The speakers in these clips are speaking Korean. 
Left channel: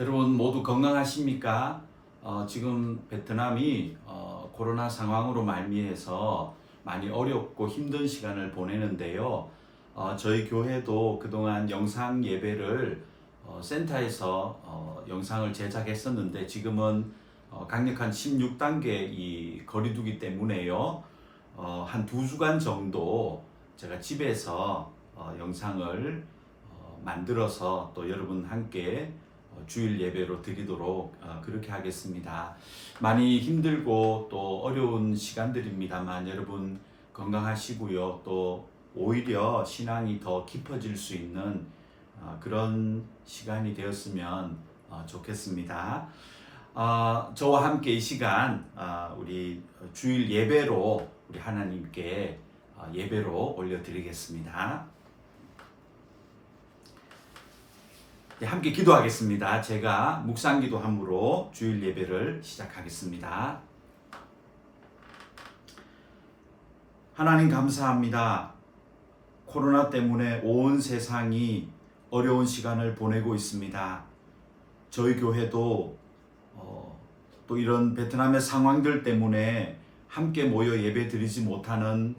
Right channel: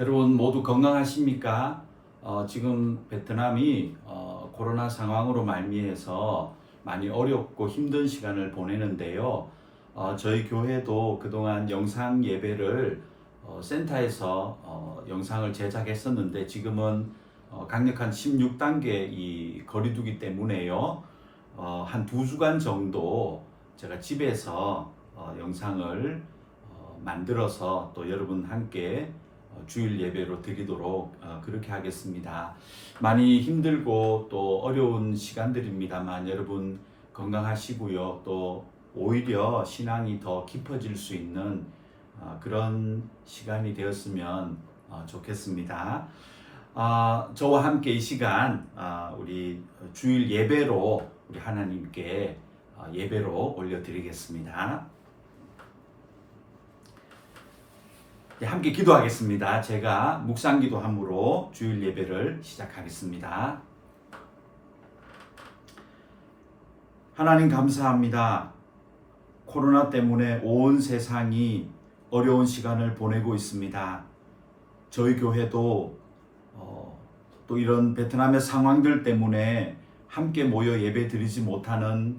여러분 모두 건강하십니까? 지금 베트남이 코로나 상황으로 말미해서 많이 어렵고 힘든 시간을 보내는데요. 저희 교회도 그동안 영상 예배를 센터에서 영상을 제작했었는데 지금은 강력한 16단계 이 거리두기 때문에요. 한 2주간 정도 제가 집에서 영상을 만들어서 또 여러분 함께 주일 예배로 드리도록 그렇게 하겠습니다. 많이 힘들고 또 어려운 시간들입니다만 여러분 건강하시고요. 또 오히려 신앙이 더 깊어질 수 있는 그런 시간이 되었으면 좋겠습니다. 저와 함께 이 시간 우리 주일 예배로 우리 하나님께 예배로 올려드리겠습니다. 함께 기도하겠습니다. 제가 묵상기도함으로 주일 예배를 시작하겠습니다. 하나님 감사합니다. 코로나 때문에 온 세상이 어려운 시간을 보내고 있습니다. 저희 교회도 또 이런 베트남의 상황들 때문에 함께 모여 예배 드리지 못하는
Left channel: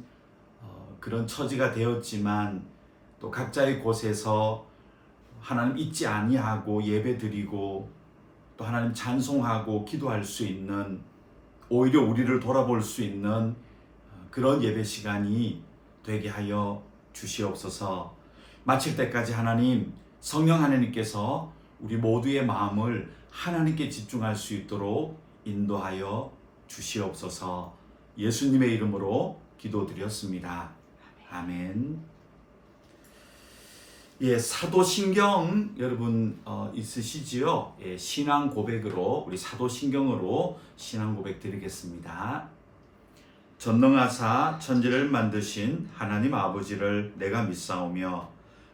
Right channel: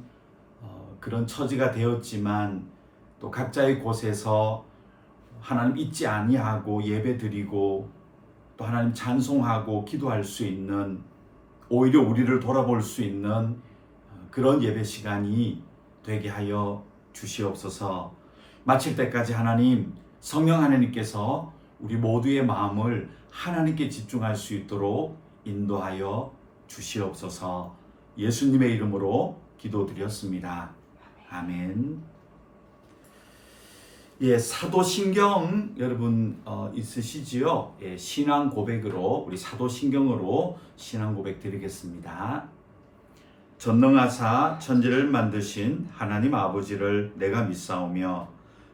그런 처지가 되었지만 또 각자의 곳에서 하나님 잊지 아니하고 예배드리고 또 하나님 찬송하고 기도할 수 있는, 오히려 우리를 돌아볼 수 있는 그런 예배 시간이 되게 하여 주시옵소서. 마칠 때까지 하나님, 성령 하나님께서 우리 모두의 마음을 하나님께 집중할 수 있도록 인도하여 주시옵소서. 예수님의 이름으로 기도드렸습니다. 아멘. 사도신경 여러분 있으시지요? 신앙 고백으로 우리 사도신경으로 신앙 고백 드리겠습니다. 전능하사 천지를 만드신 하나님 아버지를 내가 믿사오며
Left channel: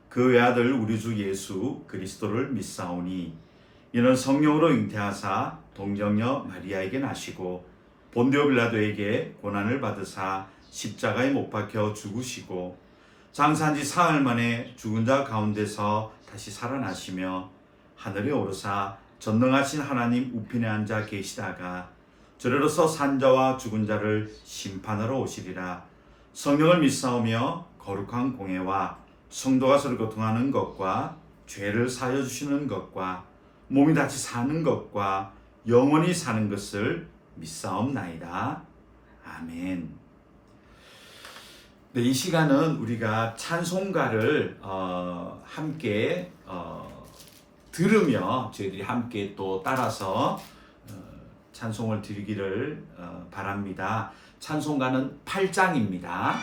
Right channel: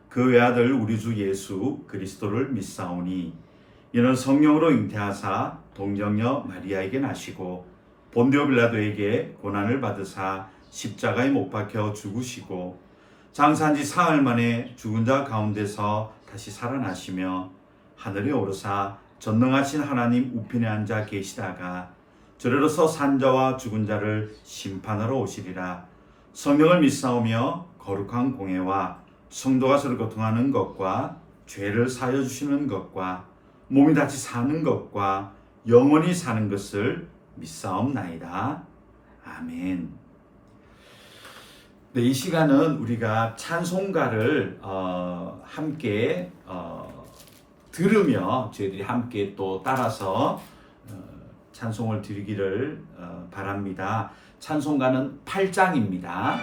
그 외아들 우리 주 예수 그리스도를 믿사오니 이는 성령으로 잉태하사 동정녀 마리아에게 나시고 본디오 빌라도에게 고난을 받으사 십자가에 못 박혀 죽으시고 장사한 지 사흘 만에 죽은 자 가운데서 다시 살아나시며 하늘에 오르사 전능하신 하나님 우편에 앉아 계시다가 저리로서 산 자와 죽은 자를 심판하러 오시리라. 성령을 믿사오며 거룩한 공예와 성도가 서로 교통하는 것과 죄를 사하여 주시는 것과 몸이 다시 사는 것과 영원히 사는 것을 믿사옵나이다. 아멘. 네, 이 시간은 우리가 찬송가를 함께 들으며 저희들이 함께 또 따라서 찬송을 드리기를 바랍니다. 찬송가는 8장입니다.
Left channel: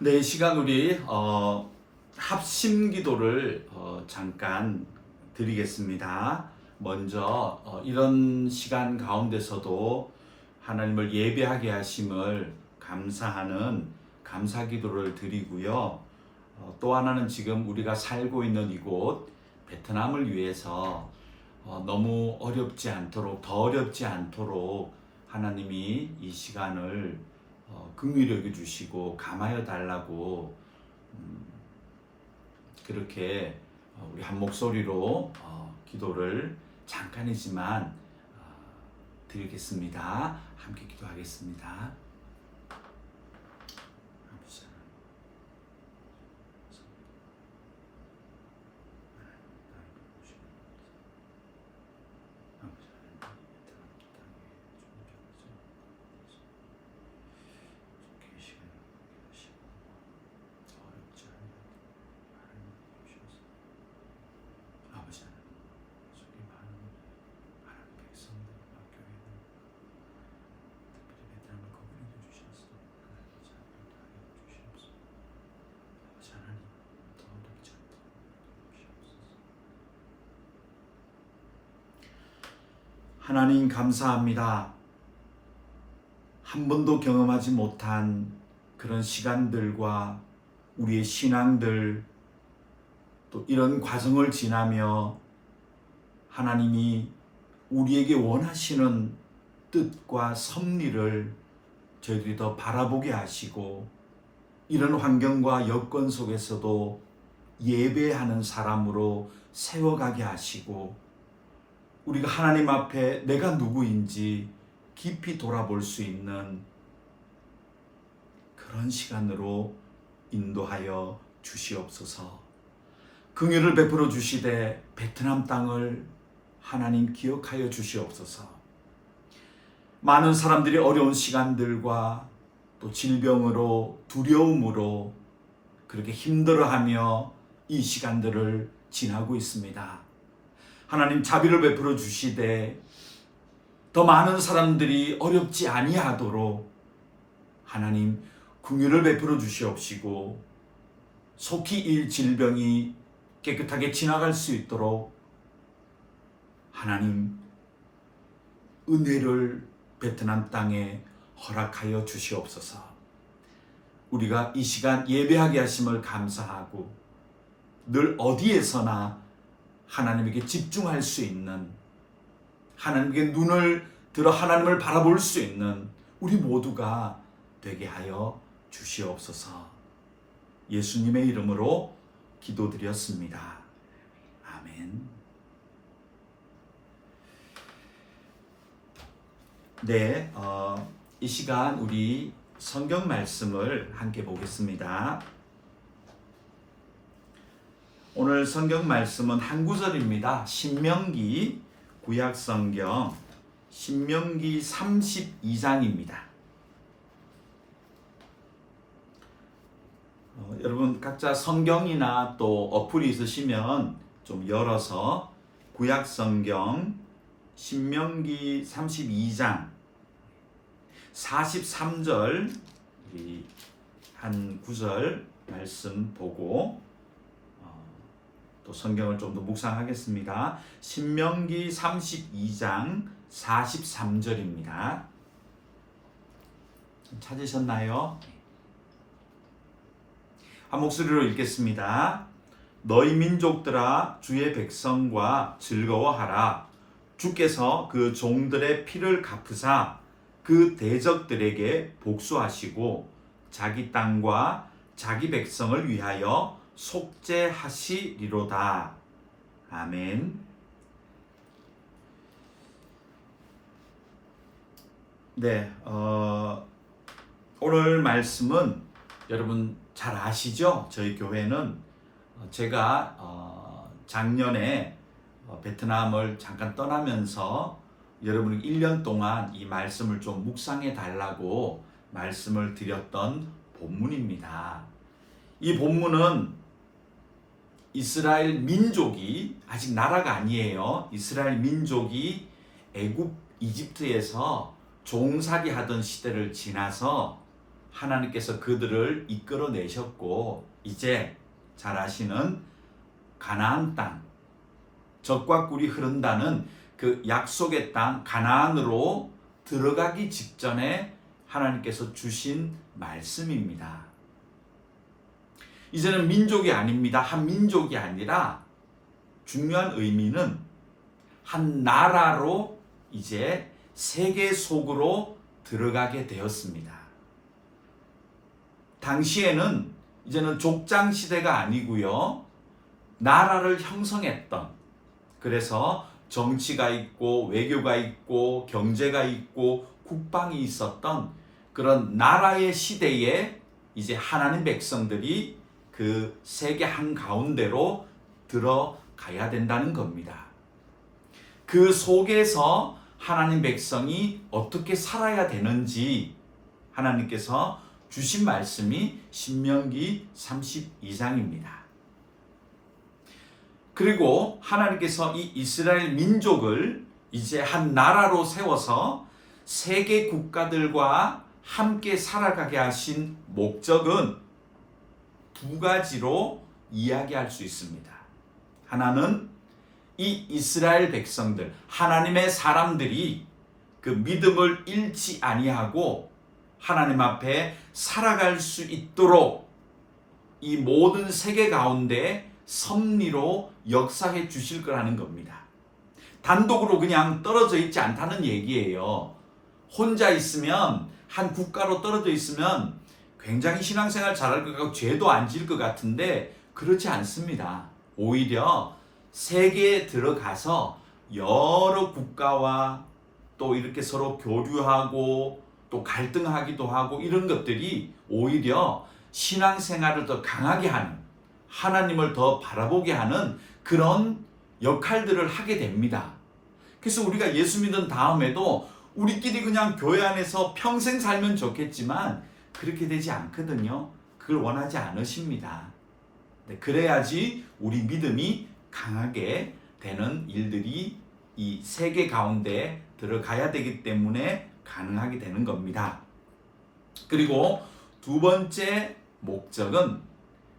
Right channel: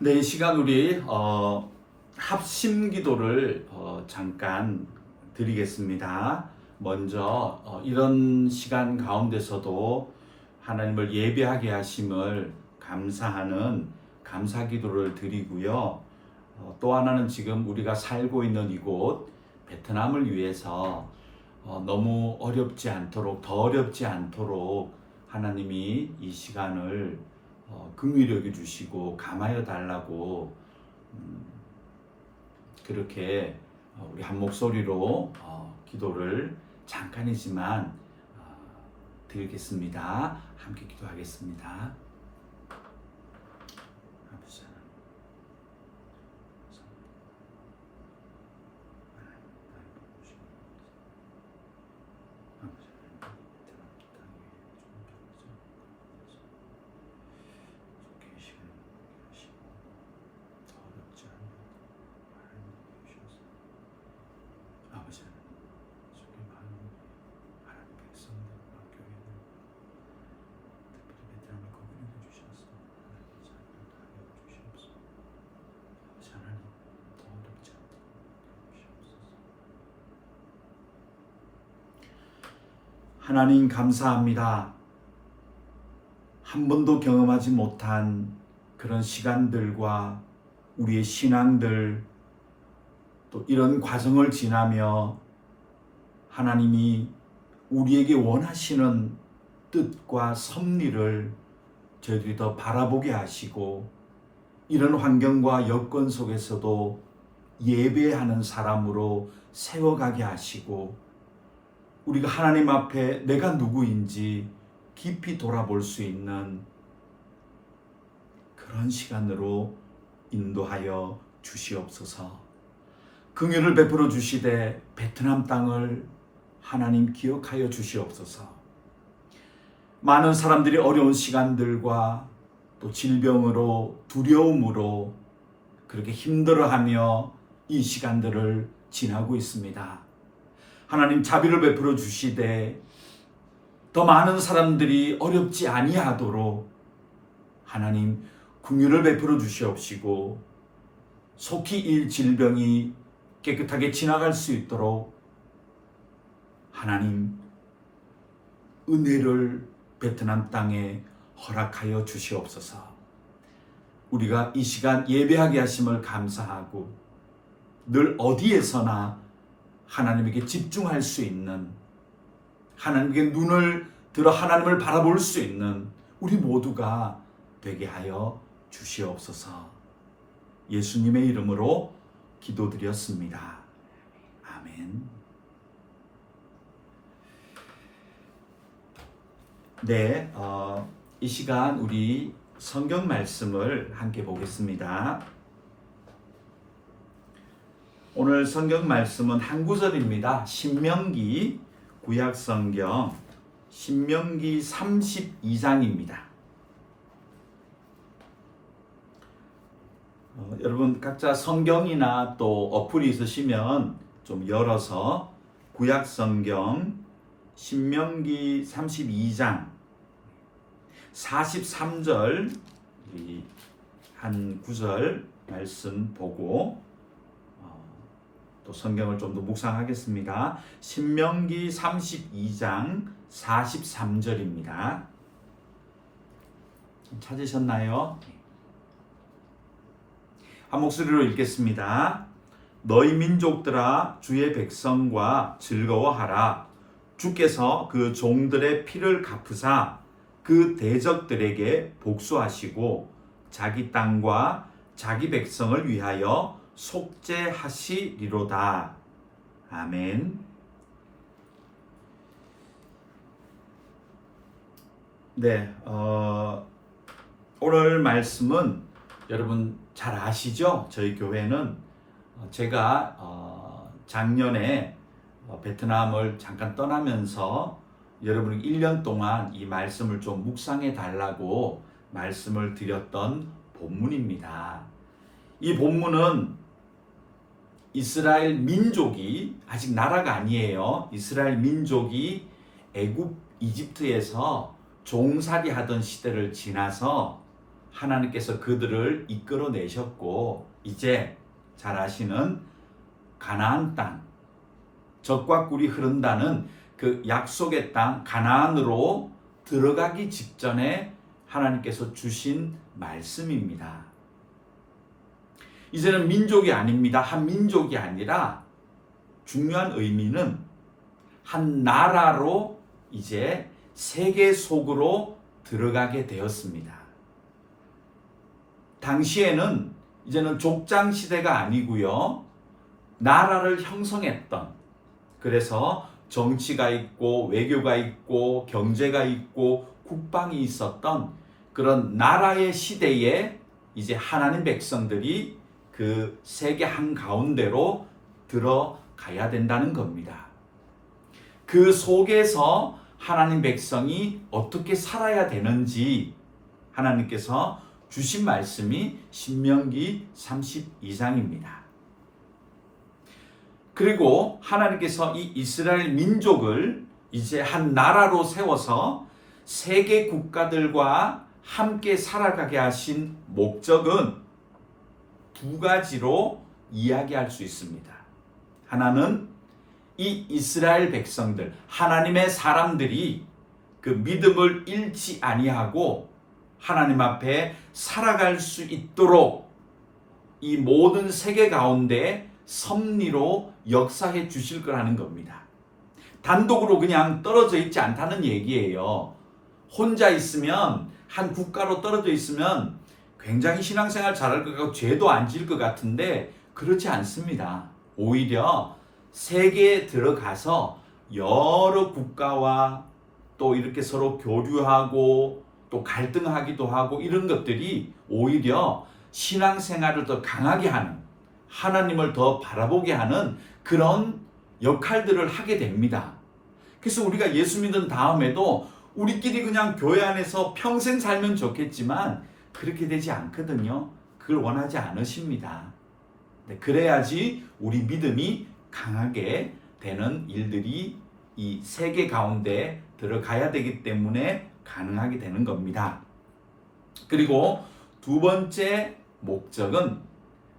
네, 이 시간 우리 합심 기도를 잠깐 드리겠습니다. 먼저 이런 시간 가운데서도 하나님을 예배하게 하심을 감사하는 감사 기도를 드리고요. 또 하나는 지금 우리가 살고 있는 이곳 베트남을 위해서 너무 어렵지 않도록, 더 어렵지 않도록 하나님이 이 시간을 긍휼히 여겨 주시고 감하여 달라고 그렇게 우리 한 목소리로 기도를 잠깐이지만 드리겠습니다. 함께 기도하겠습니다. 하나님 감사합니다. 한 번도 경험하지 못한 그런 시간들과 우리의 신앙들 또 이런 과정을 지나며 하나님이 우리에게 원하시는 뜻과 섭리를 저희들이 더 바라보게 하시고 이런 환경과 여건 속에서도 예배하는 사람으로 세워가게 하시고 우리가 하나님 앞에 내가 누구인지 깊이 돌아볼 수 있는 그런 시간으로 인도하여 주시옵소서. 긍휼을 베풀어 주시되 베트남 땅을 하나님 기억하여 주시옵소서. 많은 사람들이 어려운 시간들과 또 질병으로 두려움으로 그렇게 힘들어하며 이 시간들을 지나고 있습니다. 하나님 자비를 베풀어 주시되 더 많은 사람들이 어렵지 아니하도록 하나님 긍휼을 베풀어 주시옵시고 속히 이 질병이 깨끗하게 지나갈 수 있도록 하나님 은혜를 베트남 땅에 허락하여 주시옵소서. 우리가 이 시간 예배하게 하심을 감사하고 늘 어디에서나 하나님에게 집중할 수 있는, 하나님께 눈을 들어 하나님을 바라볼 수 있는 우리 모두가 되게 하여 주시옵소서. 예수님의 이름으로 기도드렸습니다. 아멘. 네, 이 시간 우리 성경 말씀을 함께 보겠습니다. 오늘 성경 말씀은 한 구절입니다. 신명기 구약 성경 신명기 32장입니다. 여러분 각자 성경이나 또 어플이 있으시면 좀 열어서 구약 성경 신명기 32장 43절 한 구절 말씀 보고 또 성경을 좀 더 묵상하겠습니다. 신명기 32장 43절입니다. 찾으셨나요? 한 목소리로 읽겠습니다. 너희 민족들아 주의 백성과 즐거워하라. 주께서 그 종들의 피를 갚으사 그 대적들에게 복수하시고 자기 땅과 자기 백성을 위하여 속죄하시리로다. 아멘. 네, 오늘 말씀은 여러분 잘 아시죠? 저희 교회는 제가 작년에 베트남을 잠깐 떠나면서 여러분이 1년 동안 이 말씀을 좀 묵상해 달라고 말씀을 드렸던 본문입니다. 이 본문은 이스라엘 민족이 아직 나라가 아니에요. 이스라엘 민족이 애굽 이집트에서 종살이 하던 시대를 지나서 하나님께서 그들을 이끌어내셨고 이제 잘 아시는 가나안 땅, 젖과 꿀이 흐른다는 그 약속의 땅 가나안으로 들어가기 직전에 하나님께서 주신 말씀입니다. 이제는 민족이 아닙니다. 한 민족이 아니라 중요한 의미는 한 나라로 이제 세계 속으로 들어가게 되었습니다. 당시에는 이제는 족장 시대가 아니고요. 나라를 형성했던, 그래서 정치가 있고 외교가 있고 경제가 있고 국방이 있었던 그런 나라의 시대에 이제 하나님 백성들이 그 세계 한가운데로 들어가야 된다는 겁니다. 그 속에서 하나님 백성이 어떻게 살아야 되는지 하나님께서 주신 말씀이 신명기 32장입니다. 그리고 하나님께서 이 이스라엘 민족을 이제 한 나라로 세워서 세계 국가들과 함께 살아가게 하신 목적은 두 가지로 이야기할 수 있습니다. 하나는 이 이스라엘 백성들, 하나님의 사람들이 그 믿음을 잃지 아니하고 하나님 앞에 살아갈 수 있도록 이 모든 세계 가운데 섭리로 역사해 주실 거라는 겁니다. 단독으로 그냥 떨어져 있지 않다는 얘기예요. 혼자 있으면, 한 국가로 떨어져 있으면 굉장히 신앙생활 잘할 것 같고 죄도 안 지을 것 같은데 그렇지 않습니다. 오히려 세계에 들어가서 여러 국가와 또 이렇게 서로 교류하고 또 갈등하기도 하고 이런 것들이 오히려 신앙생활을 더 강하게 하는, 하나님을 더 바라보게 하는 그런 역할들을 하게 됩니다. 그래서 우리가 예수 믿은 다음에도 우리끼리 그냥 교회 안에서 평생 살면 좋겠지만 그렇게 되지 않거든요. 그걸 원하지 않으십니다. 그래야지 우리 믿음이 강하게 되는 일들이 이 세계 가운데 들어가야 되기 때문에 가능하게 되는 겁니다. 그리고 두 번째 목적은,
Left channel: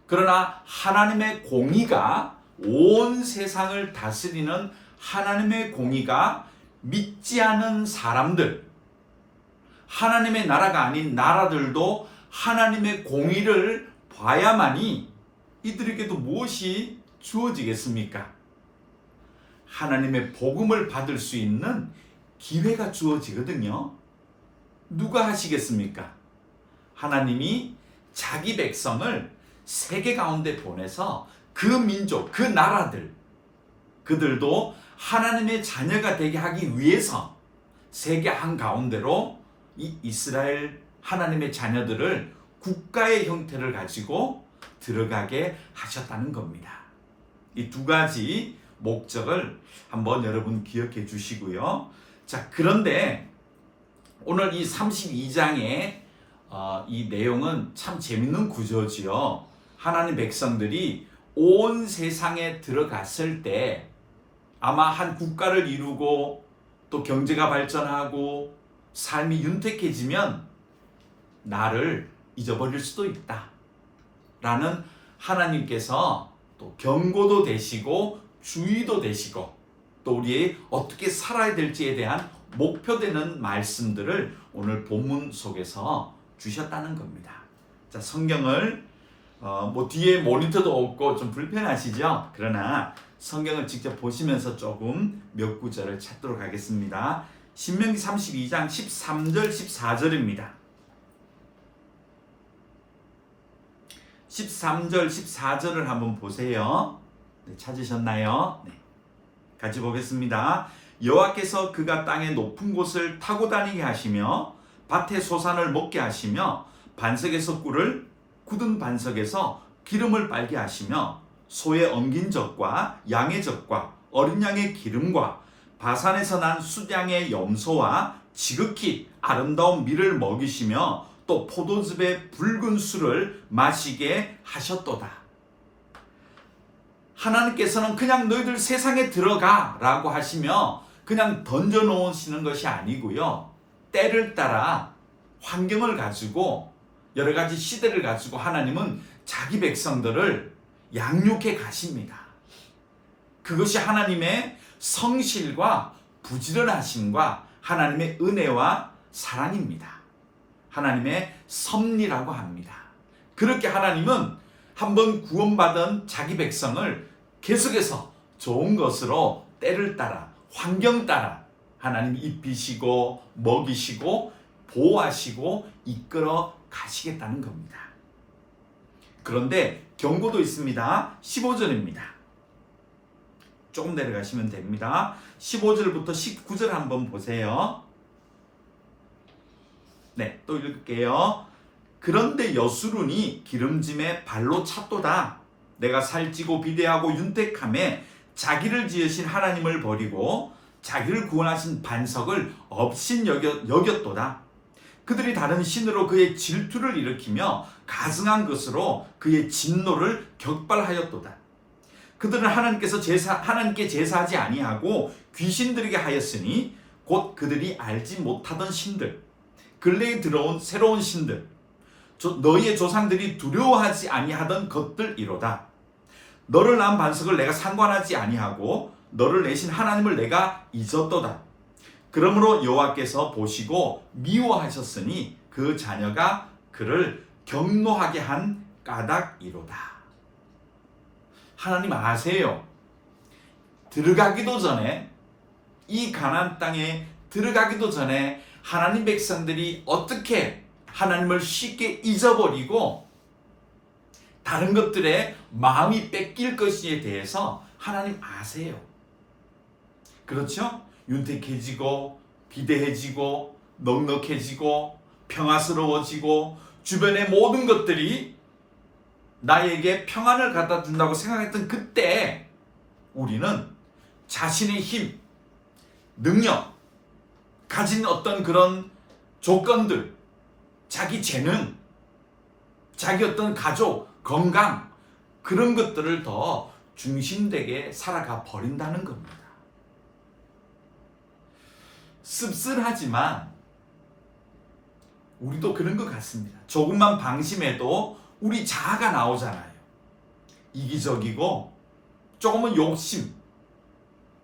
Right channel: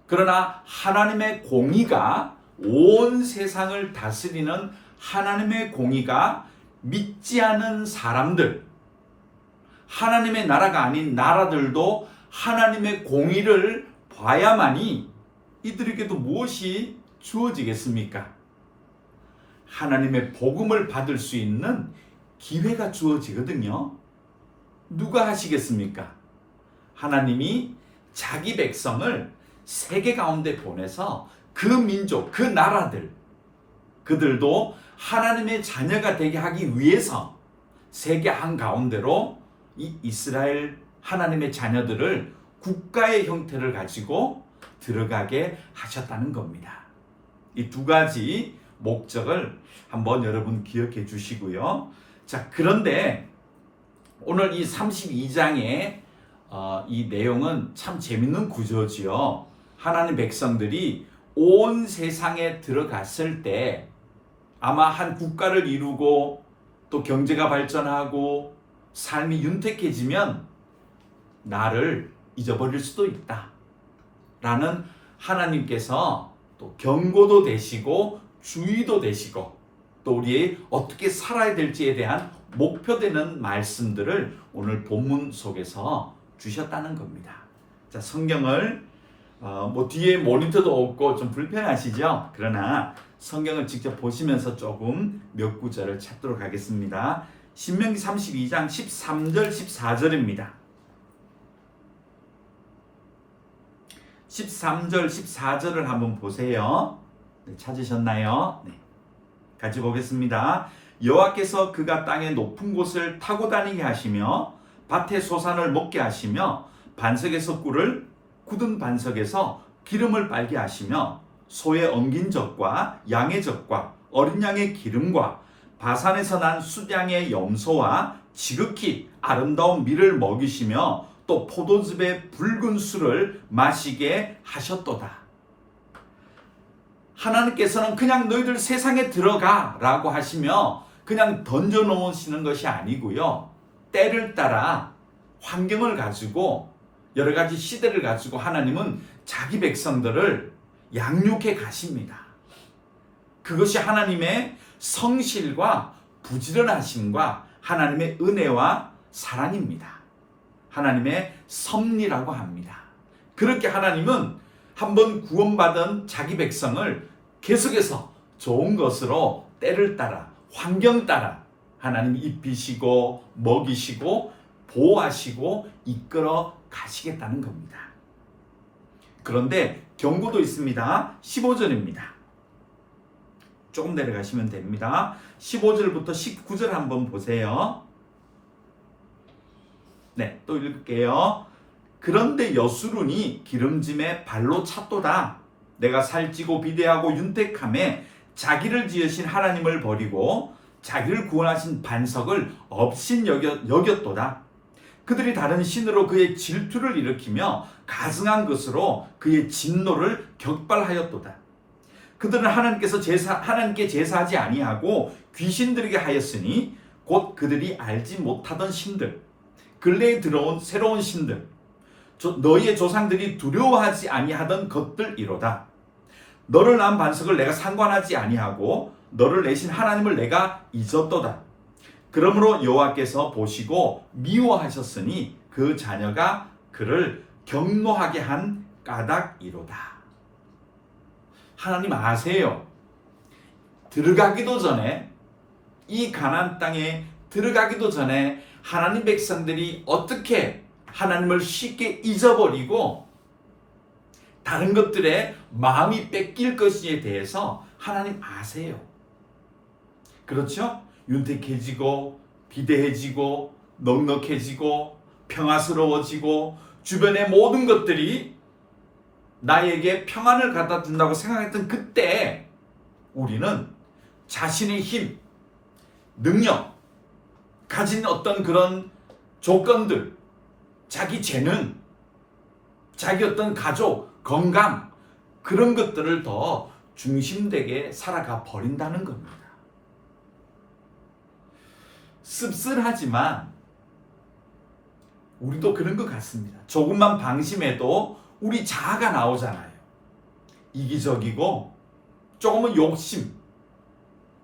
그러나 하나님의 공의가, 온 세상을 다스리는 하나님의 공의가 믿지 않은 사람들, 하나님의 나라가 아닌 나라들도 하나님의 공의를 봐야만이 이들에게도 무엇이 주어지겠습니까? 하나님의 복음을 받을 수 있는 기회가 주어지거든요. 누가 하시겠습니까? 하나님이 자기 백성을 세계 가운데 보내서 그 민족, 그 나라들, 그들도 하나님의 자녀가 되게 하기 위해서 세계 한가운데로 이 이스라엘 하나님의 자녀들을 국가의 형태를 가지고 들어가게 하셨다는 겁니다. 이 두 가지 목적을 한번 여러분 기억해 주시고요. 자, 그런데 오늘 이 32장의 이 내용은 참 재밌는 구조지요. 하나님 백성들이 온 세상에 들어갔을 때 아마 한 국가를 이루고 또 경제가 발전하고 삶이 윤택해지면 나를 잊어버릴 수도 있다 라는 하나님께서 또 경고도 되시고 주의도 되시고 또 우리 어떻게 살아야 될지에 대한 목표되는 말씀들을 오늘 본문 속에서 주셨다는 겁니다. 자, 성경을 뒤에 모니터도 없고 좀 불편하시죠? 그러나 성경을 직접 보시면서 조금 몇 구절을 찾도록 하겠습니다. 신명기 32장 13절 14절입니다. 13절, 14절을 한번 보세요. 네, 찾으셨나요? 네. 같이 보겠습니다. 여호와께서 그가 땅의 높은 곳을 타고 다니게 하시며 밭의 소산을 먹게 하시며 반석에서 꿀을 굳은 반석에서 기름을 빨게 하시며 소의 엉긴 젖과 양의 젖과 어린 양의 기름과 바산에서 난 수량의 염소와 지극히 아름다운 밀을 먹이시며 또 포도즙의 붉은 술을 마시게 하셨도다. 하나님께서는 그냥 너희들 세상에 들어가 라고 하시며 그냥 던져 놓으시는 것이 아니고요. 때를 따라 환경을 가지고 여러 가지 시대를 가지고 하나님은 자기 백성들을 양육해 가십니다. 그것이 하나님의 성실과 부지런하심과 하나님의 은혜와 사랑입니다. 하나님의 섭리라고 합니다. 그렇게 하나님은 한번 구원받은 자기 백성을 계속해서 좋은 것으로 때를 따라 환경 따라 하나님이 입히시고 먹이시고 보호하시고 이끌어 가시겠다는 겁니다. 그런데 경고도 있습니다. 15절입니다. 조금 내려가시면 됩니다. 15절부터 19절 한번 보세요. 네, 또 읽을게요. 그런데 여수룬이 기름짐에 발로 찼도다. 내가 살찌고 비대하고 윤택함에 자기를 지으신 하나님을 버리고 자기를 구원하신 반석을 업신 여겼도다. 그들이 다른 신으로 그의 질투를 일으키며 가증한 것으로 그의 진노를 격발하였도다. 그들은 하나님께 제사하지 아니하고 귀신들에게 하였으니 곧 그들이 알지 못하던 신들, 근래에 들어온 새로운 신들, 너희의 조상들이 두려워하지 아니하던 것들이로다. 너를 낳은 반석을 내가 상관하지 아니하고 너를 내신 하나님을 내가 잊었도다. 그러므로 여호와께서 보시고 미워하셨으니 그 자녀가 그를 경노하게 한 까닭이로다. 하나님 아세요. 들어가기도 전에, 이 가나안 땅에 들어가기도 전에 하나님 백성들이 어떻게 하나님을 쉽게 잊어버리고 다른 것들에 마음이 뺏길 것에 대해서 하나님 아세요. 그렇죠? 윤택해지고 비대해지고 넉넉해지고 평화스러워지고 주변의 모든 것들이 나에게 평안을 갖다 준다고 생각했던 그때 우리는 자신의 힘, 능력, 가진 어떤 그런 조건들, 자기 재능, 자기 어떤 가족, 건강, 그런 것들을 더 중심되게 살아가 버린다는 겁니다. 씁쓸하지만 우리도 그런 것 같습니다. 조금만 방심해도 우리 자아가 나오잖아요. 이기적이고 조금은 욕심,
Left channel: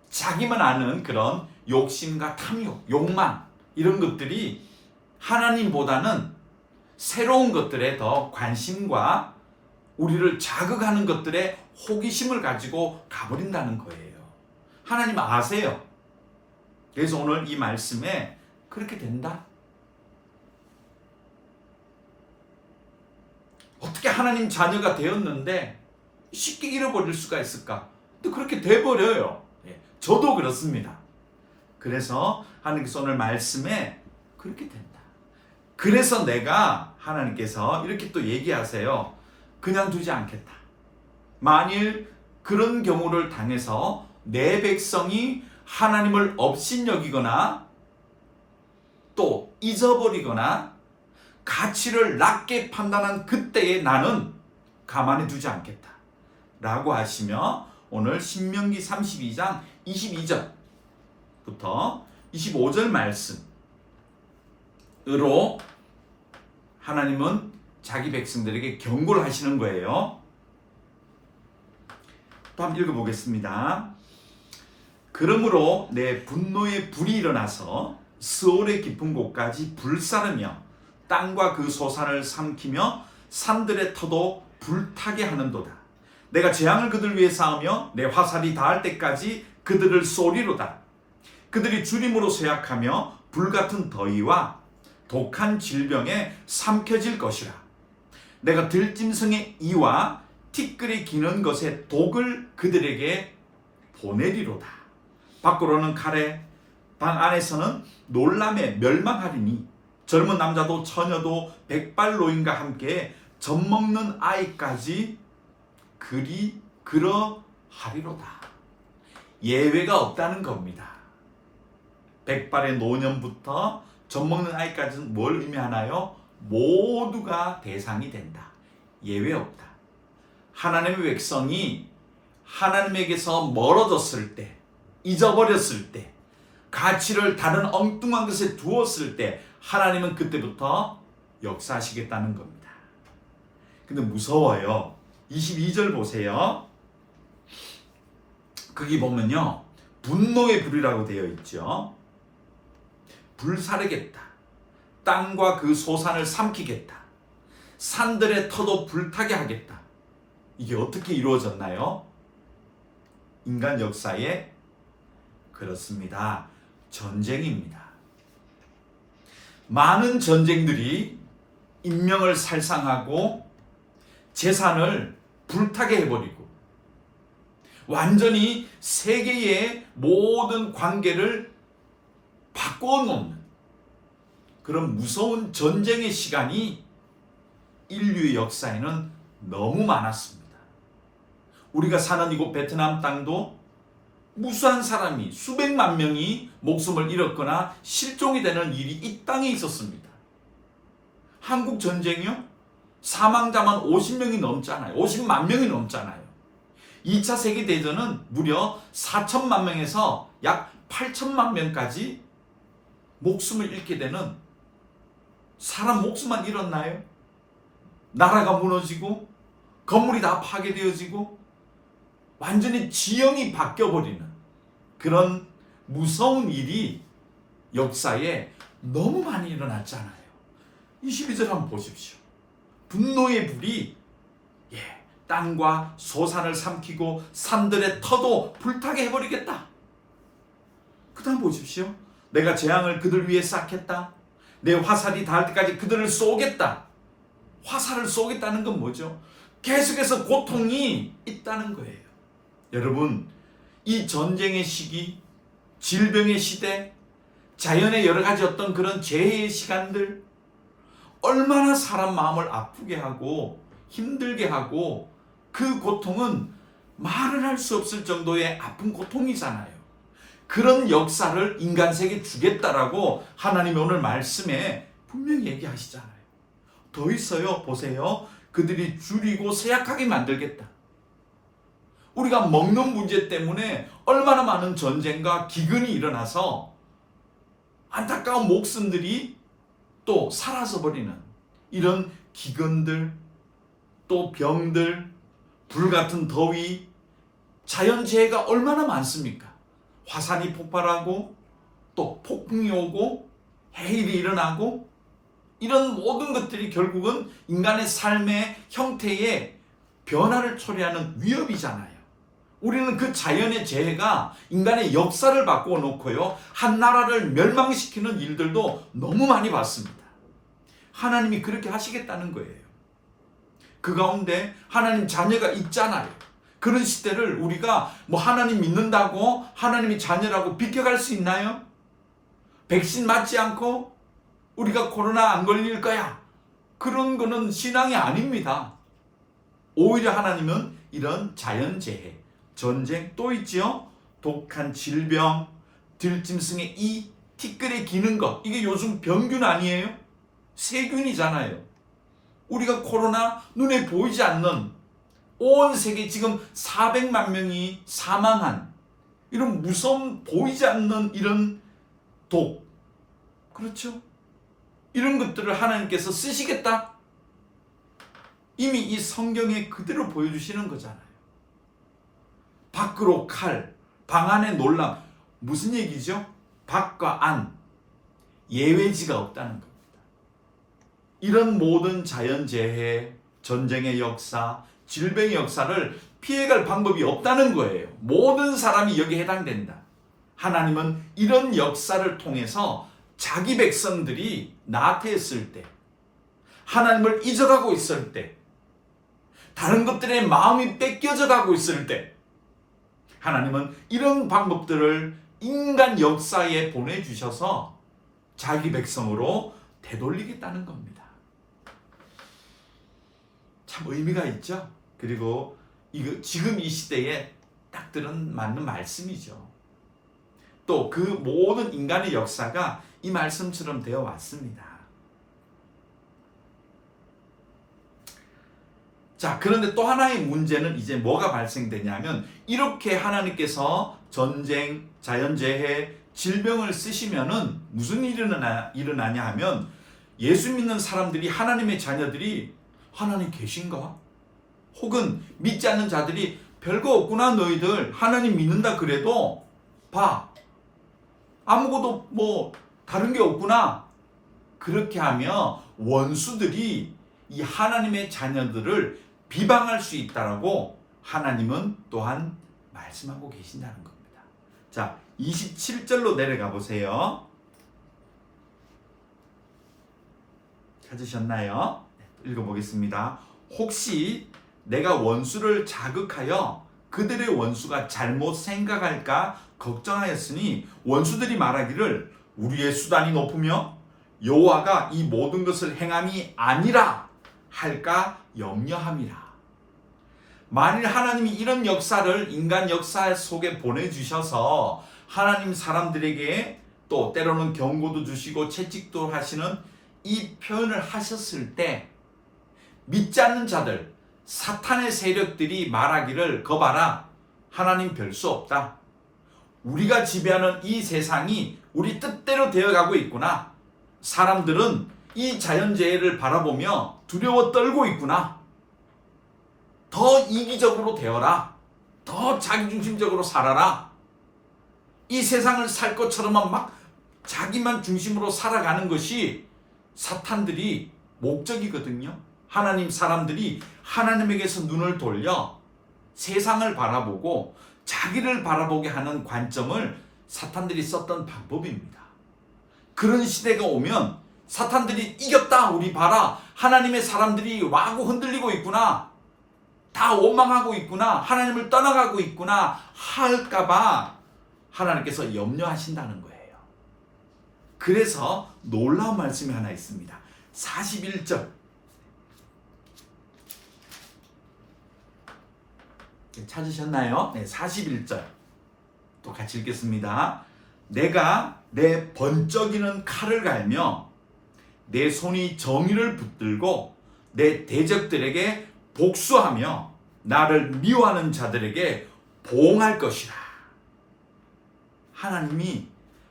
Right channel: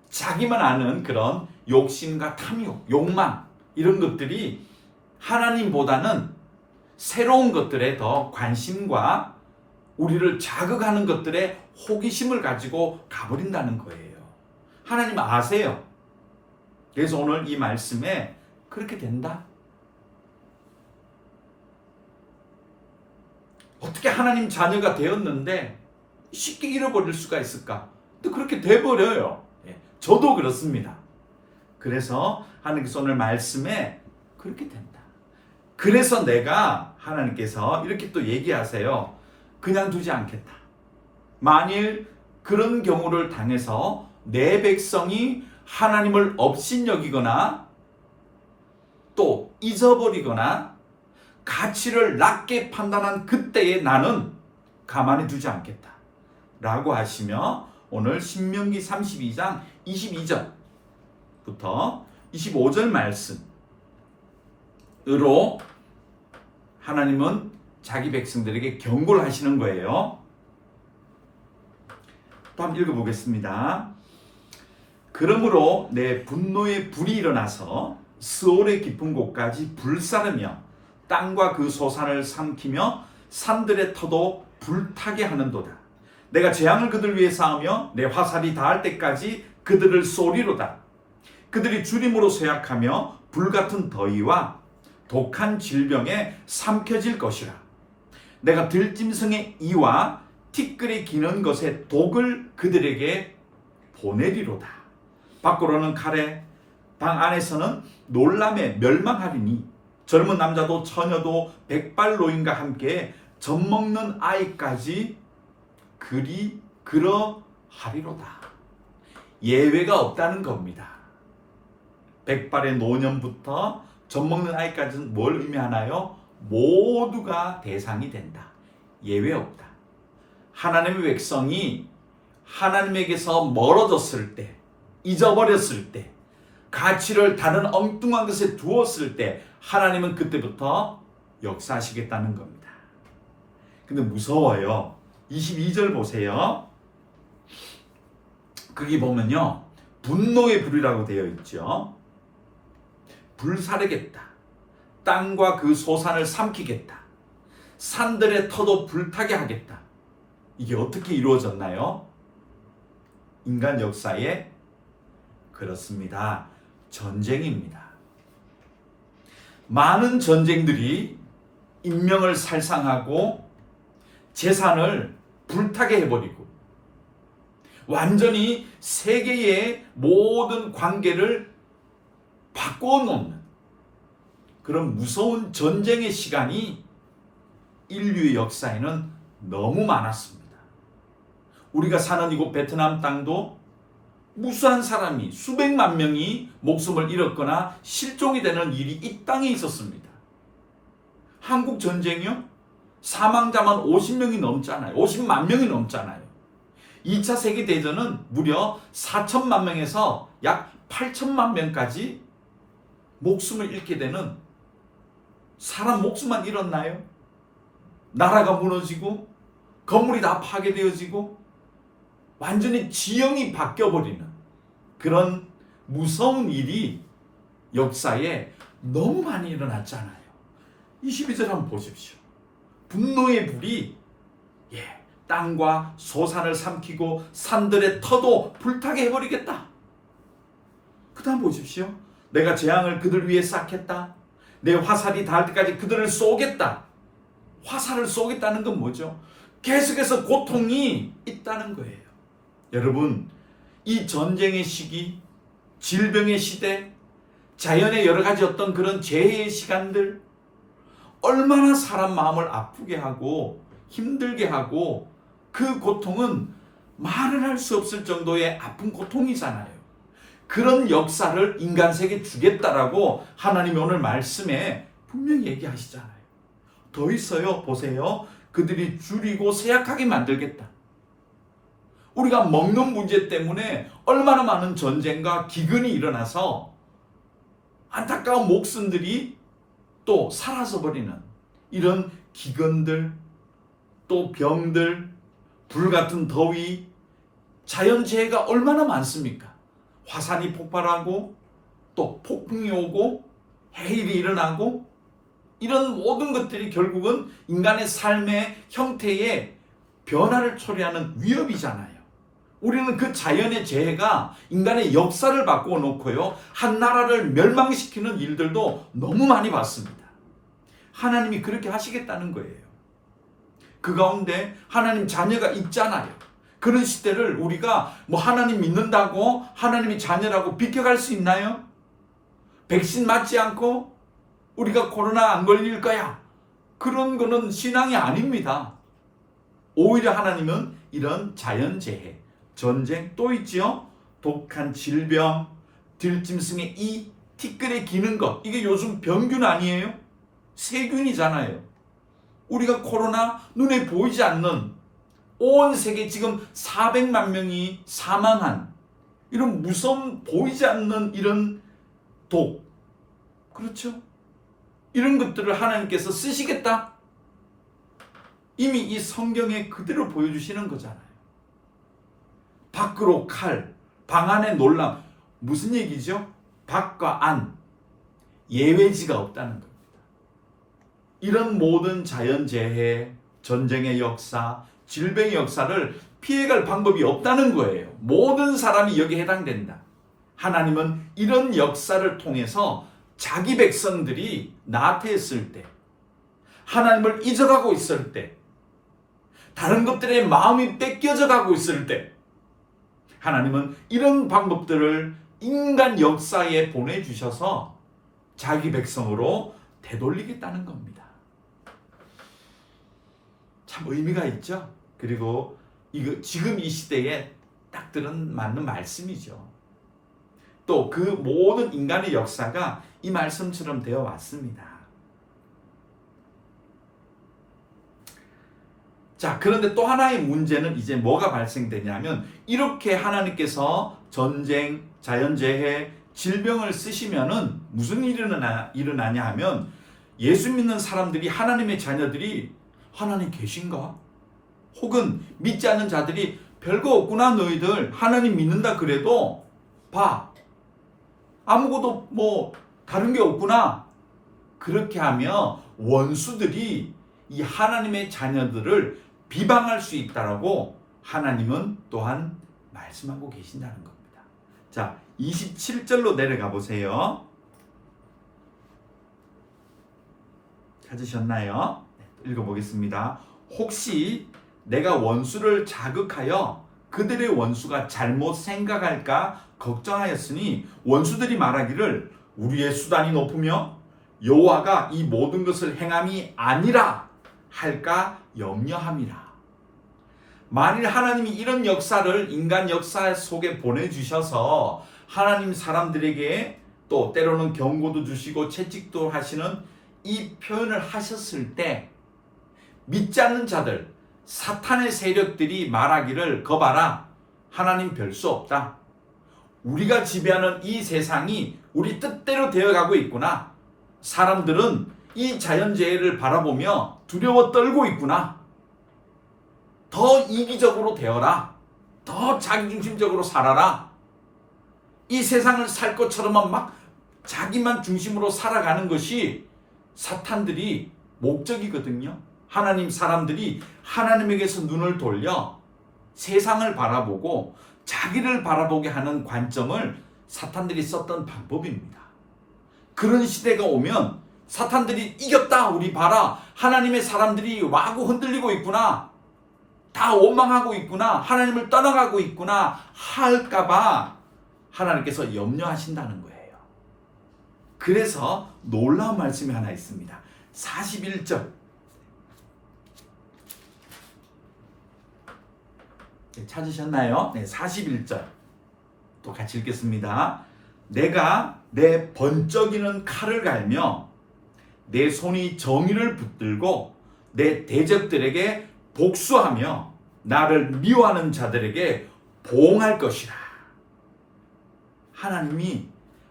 자기만 아는 그런 욕심과 탐욕, 욕망, 이런 것들이 하나님보다는 새로운 것들에 더 관심과 우리를 자극하는 것들에 호기심을 가지고 가버린다는 거예요. 하나님 아세요. 그래서 오늘 이 말씀에 그렇게 된다. 어떻게 하나님 자녀가 되었는데 쉽게 잃어버릴 수가 있을까? 근데 그렇게 돼버려요. 저도 그렇습니다. 그래서 하나님께서 오늘 말씀에 그렇게 된다. 그래서 내가 하나님께서 이렇게 또 얘기하세요. 그냥 두지 않겠다. 만일 그런 경우를 당해서 내 백성이 하나님을 업신여기거나 또 잊어버리거나 가치를 낮게 판단한 그때에 나는 가만히 두지 않겠다 라고 하시며 오늘 신명기 32장 22절부터 25절 말씀으로 하나님은 자기 백성들에게 경고를 하시는 거예요. 또 한번 읽어보겠습니다. 그러므로 내 분노의 불이 일어나서 스올의 깊은 곳까지 불사르며 땅과 그 소산을 삼키며 산들의 터도 불타게 하는도다. 내가 재앙을 그들 위에 쌓으며 내 화살이 닿을 때까지 그들을 쏘리로다. 그들이 주림으로 쇠약하며 불같은 더위와 독한 질병에 삼켜질 것이라. 내가 들짐승의 이와 티끌이 기는 것의 독을 그들에게 보내리로다. 밖으로는 칼에, 방 안에서는 놀람에 멸망하리니 젊은 남자도 처녀도 백발 노인과 함께 젖먹는 아이까지 그러하리로다. 예외가 없다는 겁니다. 백발의 노년부터 젖먹는 아이까지는 뭘 의미하나요? 모두가 대상이 된다. 예외 없다. 하나님의 백성이 하나님에게서 멀어졌을 때, 잊어버렸을 때, 가치를 다른 엉뚱한 것에 두었을 때 하나님은 그때부터 역사하시겠다는 겁니다. 근데 무서워요. 22절 보세요. 거기 보면요, 분노의 불이라고 되어 있죠. 불사르겠다. 땅과 그 소산을 삼키겠다. 산들의 터도 불타게 하겠다. 이게 어떻게 이루어졌나요? 인간 역사에 그렇습니다. 전쟁입니다. 많은 전쟁들이 인명을 살상하고 재산을 불타게 해버리고 완전히 세계의 모든 관계를 바꾸어 놓는 그런 무서운 전쟁의 시간이 인류의 역사에는 너무 많았습니다. 우리가 사는 이곳 베트남 땅도 무수한 사람이, 수백만 명이 목숨을 잃었거나 실종이 되는 일이 이 땅에 있었습니다. 한국 전쟁이요? 사망자만 50명이 넘잖아요. 50만 명이 넘잖아요. 2차 세계대전은 무려 4천만 명에서 약 8천만 명까지 목숨을 잃게 되는, 사람 목숨만 잃었나요? 나라가 무너지고 건물이 다 파괴되어지고 완전히 지형이 바뀌어버리는 그런 무서운 일이 역사에 너무 많이 일어났잖아요. 22절 한번 보십시오. 분노의 불이 땅과 소산을 삼키고 산들의 터도 불타게 해버리겠다. 그 다음 보십시오. 내가 재앙을 그들 위에 쌓겠다. 내 화살이 닿을 때까지 그들을 쏘겠다. 화살을 쏘겠다는 건 뭐죠? 계속해서 고통이 있다는 거예요. 여러분, 이 전쟁의 시기, 질병의 시대, 자연의 여러 가지 어떤 그런 재해의 시간들, 얼마나 사람 마음을 아프게 하고 힘들게 하고, 그 고통은 말을 할 수 없을 정도의 아픈 고통이잖아요. 그런 역사를 인간세계에 주겠다라고 하나님이 오늘 말씀에 분명히 얘기하시잖아요. 더 있어요. 보세요. 그들이 줄이고 쇠약하게 만들겠다. 우리가 먹는 문제 때문에 얼마나 많은 전쟁과 기근이 일어나서 안타까운 목숨들이 또 사라져 버리는 이런 기근들, 또 병들, 불같은 더위, 자연재해가 얼마나 많습니까? 화산이 폭발하고 또 폭풍이 오고 해일이 일어나고, 이런 모든 것들이 결국은 인간의 삶의 형태의 변화를 초래하는 위협이잖아요. 우리는 그 자연의 재해가 인간의 역사를 바꾸어 놓고요, 한 나라를 멸망시키는 일들도 너무 많이 봤습니다. 하나님이 그렇게 하시겠다는 거예요. 그 가운데 하나님 자녀가 있잖아요. 그런 시대를 우리가 하나님 믿는다고 하나님이 자녀라고 비켜갈 수 있나요? 백신 맞지 않고 우리가 코로나 안 걸릴 거야, 그런 거는 신앙이 아닙니다. 오히려 하나님은 이런 자연재해, 전쟁, 또 있지요, 독한 질병, 들짐승의 이, 티끌에 기는 것, 이게 요즘 병균 아니에요? 세균이잖아요. 우리가 코로나, 눈에 보이지 않는, 온 세계 지금 400만 명이 사망한 이런 무서운, 보이지 않는 이런 독, 그렇죠? 이런 것들을 하나님께서 쓰시겠다? 이미 이 성경에 그대로 보여주시는 거잖아요. 밖으로 칼, 방 안에 놀람. 무슨 얘기죠? 밖과 안, 예외지가 없다는 겁니다. 이런 모든 자연재해, 전쟁의 역사, 질병의 역사를 피해갈 방법이 없다는 거예요. 모든 사람이 여기에 해당된다. 하나님은 이런 역사를 통해서 자기 백성들이 나태했을 때, 하나님을 잊어가고 있을 때, 다른 것들에 마음이 뺏겨져 가고 있을 때, 하나님은 이런 방법들을 인간 역사에 보내주셔서 자기 백성으로 되돌리겠다는 겁니다. 참 의미가 있죠. 그리고 이거 지금 이 시대에 딱 들은 맞는 말씀이죠. 또 그 모든 인간의 역사가 이 말씀처럼 되어 왔습니다. 자, 그런데 또 하나의 문제는 이제 뭐가 발생되냐면, 이렇게 하나님께서 전쟁, 자연재해, 질병을 쓰시면은 무슨 일이 일어나냐 하면, 예수 믿는 사람들이, 하나님의 자녀들이 하나님 계신가? 혹은 믿지 않는 자들이 별거 없구나 너희들, 하나님 믿는다 그래도 봐, 아무것도 뭐 다른 게 없구나. 그렇게 하며 원수들이 이 하나님의 자녀들을 비방할 수 있다라고 하나님은 또한 말씀하고 계신다는 겁니다. 자, 27절로 내려가 보세요. 찾으셨나요? 읽어보겠습니다. 혹시 내가 원수를 자극하여 그들의 원수가 잘못 생각할까 걱정하였으니 원수들이 말하기를 우리의 수단이 높으며 여호와가 이 모든 것을 행함이 아니라 할까 염려함이라. 만일 하나님이 이런 역사를 인간 역사 속에 보내주셔서 하나님 사람들에게 또 때로는 경고도 주시고 채찍도 하시는 이 표현을 하셨을 때, 믿지 않는 자들, 사탄의 세력들이 말하기를 거봐라, 하나님 별 수 없다, 우리가 지배하는 이 세상이 우리 뜻대로 되어가고 있구나, 사람들은 이 자연재해를 바라보며 두려워 떨고 있구나, 더 이기적으로 되어라, 더 자기중심적으로 살아라, 이 세상을 살 것처럼만 막 자기만 중심으로 살아가는 것이 사탄들이 목적이거든요. 하나님 사람들이 하나님에게서 눈을 돌려 세상을 바라보고 자기를 바라보게 하는 관점을 사탄들이 썼던 방법입니다. 그런 시대가 오면 사탄들이 이겼다, 우리 봐라, 하나님의 사람들이 와고 흔들리고 있구나, 다 원망하고 있구나, 하나님을 떠나가고 있구나 할까봐 하나님께서 염려하신다는 거예요. 그래서 놀라운 말씀이 하나 있습니다. 41절 찾으셨나요? 네, 41절 또 같이 읽겠습니다. 내가 내 번쩍이는 칼을 갈며 내 손이 정의를 붙들고 내 대적들에게 복수하며 나를 미워하는 자들에게 보응할 것이라. 하나님이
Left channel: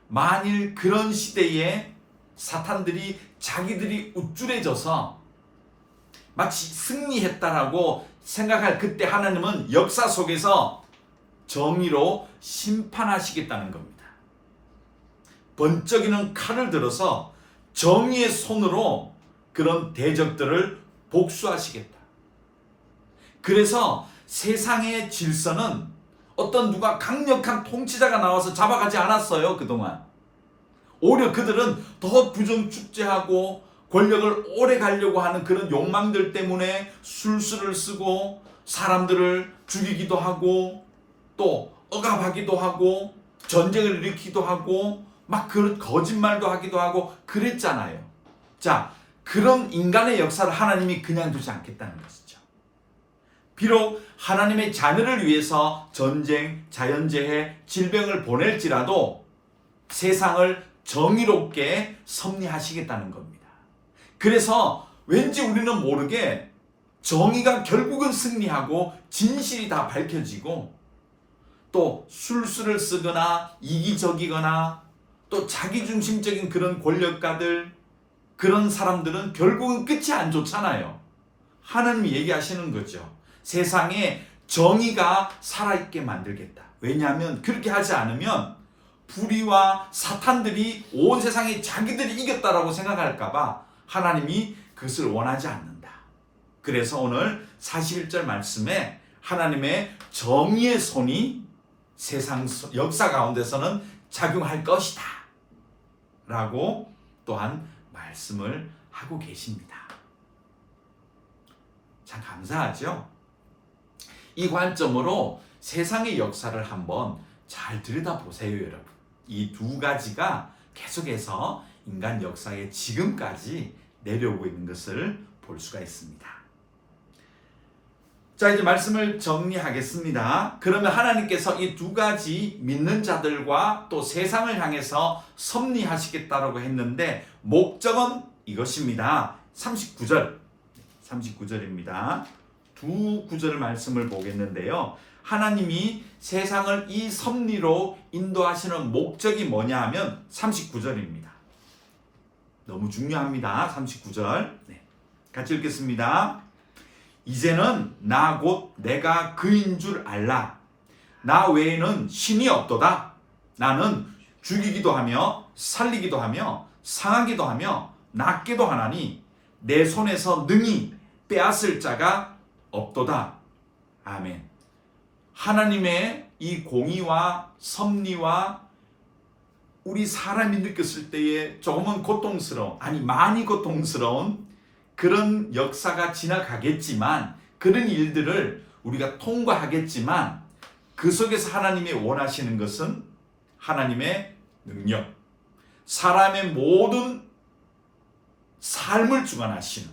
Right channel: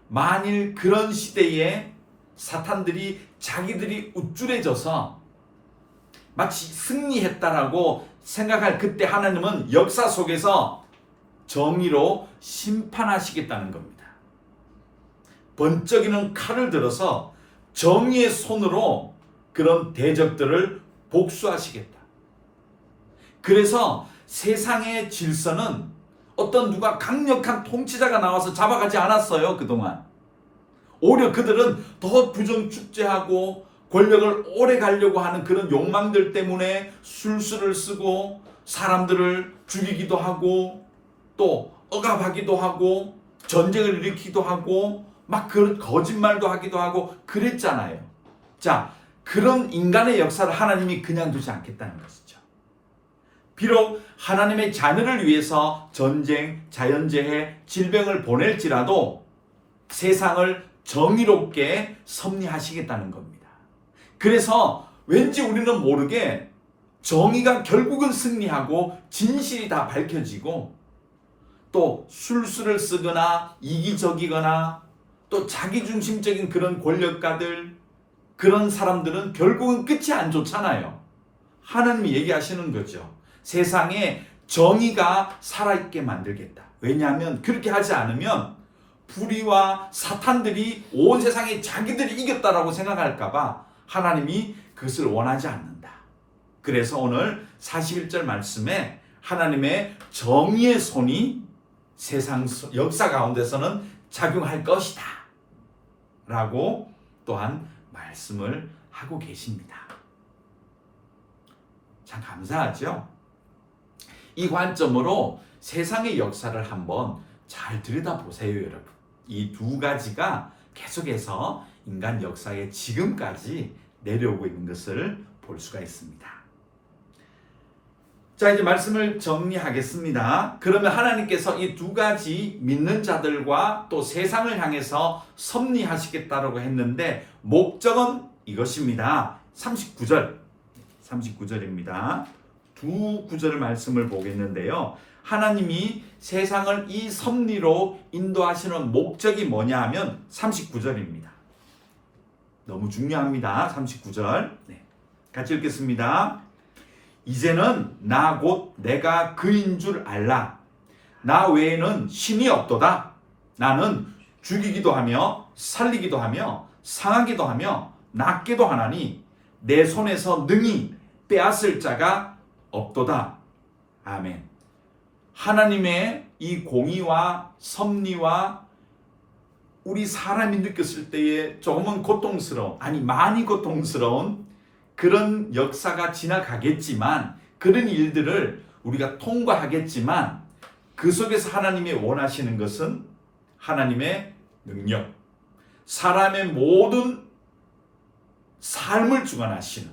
만일 그런 시대에 사탄들이 자기들이 우쭐해져서 마치 승리했다라고 생각할 그때, 하나님은 역사 속에서 정의로 심판하시겠다는 겁니다. 번쩍이는 칼을 들어서 정의의 손으로 그런 대적들을 복수하시겠다. 그래서 세상의 질서는 어떤 누가 강력한 통치자가 나와서 잡아가지 않았어요. 그동안 오히려 그들은 더 부정축제하고 권력을 오래 가려고 하는 그런 욕망들 때문에 술수를 쓰고 사람들을 죽이기도 하고 또 억압하기도 하고 전쟁을 일으키기도 하고 막 그런 거짓말도 하기도 하고 그랬잖아요. 자, 그런 인간의 역사를 하나님이 그냥 두지 않겠다는 것이죠. 비록 하나님의 자녀를 위해서 전쟁, 자연재해, 질병을 보낼지라도 세상을 정의롭게 섭리하시겠다는 겁니다. 그래서 왠지 우리는 모르게 정의가 결국은 승리하고 진실이 다 밝혀지고, 또 술수를 쓰거나 이기적이거나 또 자기중심적인 그런 권력가들, 그런 사람들은 결국은 끝이 안 좋잖아요. 하나님이 얘기하시는 거죠. 세상에 정의가 살아있게 만들겠다. 왜냐하면 그렇게 하지 않으면 불의와 사탄들이 온 세상에 자기들이 이겼다라고 생각할까봐 하나님이 그것을 원하지 않는다. 그래서 오늘 41절 말씀에 하나님의 정의의 손이 세상 역사 가운데서는 작용할 것이다 라고 또한 말씀을 하고 계십니다. 참 감사하죠. 이 관점으로 세상의 역사를 한번 잘 들여다보세요, 여러분. 이 두 가지가 계속해서 인간 역사에 지금까지 내려오고 있는 것을 볼 수가 있습니다. 자, 이제 말씀을 정리하겠습니다. 그러면 하나님께서 이 두 가지 믿는 자들과 또 세상을 향해서 섭리하시겠다라고 했는데 목적은 이것입니다. 39절입니다. 두 구절 말씀을 보겠는데요. 하나님이 세상을 이 섭리로 인도하시는 목적이 뭐냐 하면 39절입니다. 너무 중요합니다. 39절. 같이 읽겠습니다. 이제는 나 곧 내가 그인 줄 알라. 나 외에는 신이 없도다. 나는 죽이기도 하며 살리기도 하며 상하기도 하며 낫기도 하나니 내 손에서 능히 빼앗을 자가 없도다. 아멘. 하나님의 이 공의와 섭리와 우리 사람이 느꼈을 때에 조금은 고통스러운, 아니 많이 고통스러운 그런 역사가 지나가겠지만, 그런 일들을 우리가 통과하겠지만, 그 속에서 하나님이 원하시는 것은 하나님의 능력, 사람의 모든 삶을 주관하시는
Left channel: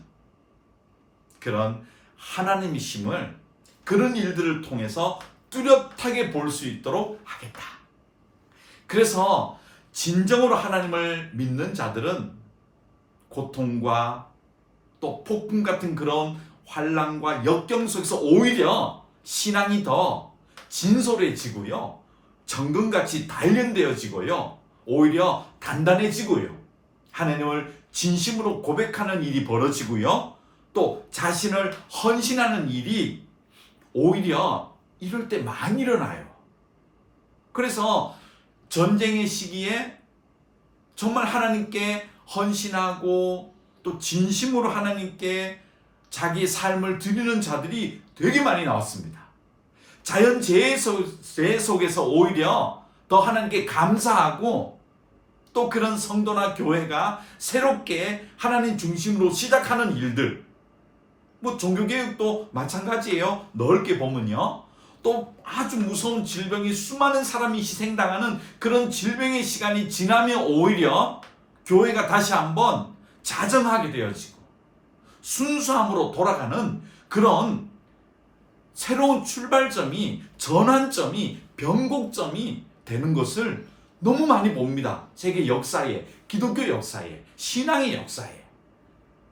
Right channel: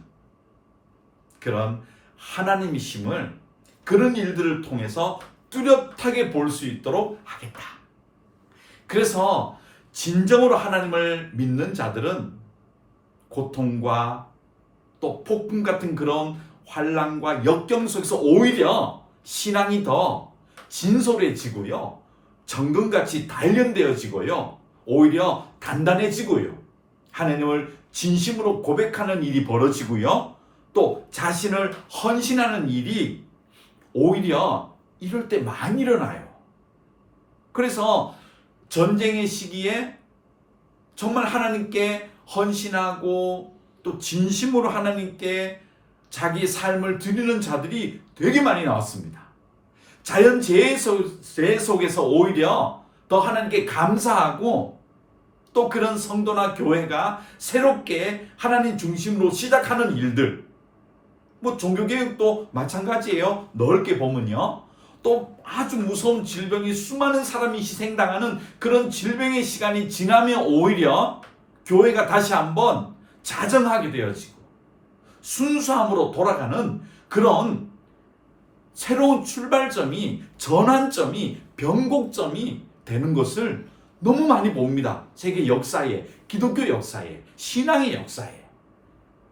그런 하나님이심을, 그런 일들을 통해서 뚜렷하게 볼 수 있도록 하겠다. 그래서 진정으로 하나님을 믿는 자들은 고통과 또 폭풍 같은 그런 환난과 역경 속에서 오히려 신앙이 더 진솔해지고요, 정금같이 단련되어지고요, 오히려 단단해지고요, 하나님을 진심으로 고백하는 일이 벌어지고요, 또 자신을 헌신하는 일이 오히려 이럴 때 많이 일어나요. 그래서 전쟁의 시기에 정말 하나님께 헌신하고 또 진심으로 하나님께 자기의 삶을 드리는 자들이 되게 많이 나왔습니다. 자연재해 속에서 오히려 더 하나님께 감사하고, 또 그런 성도나 교회가 새롭게 하나님 중심으로 시작하는 일들, 뭐 종교개혁도 마찬가지예요. 넓게 보면요, 또 아주 무서운 질병이 수많은 사람이 희생당하는 그런 질병의 시간이 지나면 오히려 교회가 다시 한번 자정하게 되어지고 순수함으로 돌아가는 그런 새로운 출발점이, 전환점이, 변곡점이 되는 것을 너무 많이 봅니다. 세계 역사에, 기독교 역사에, 신앙의 역사에.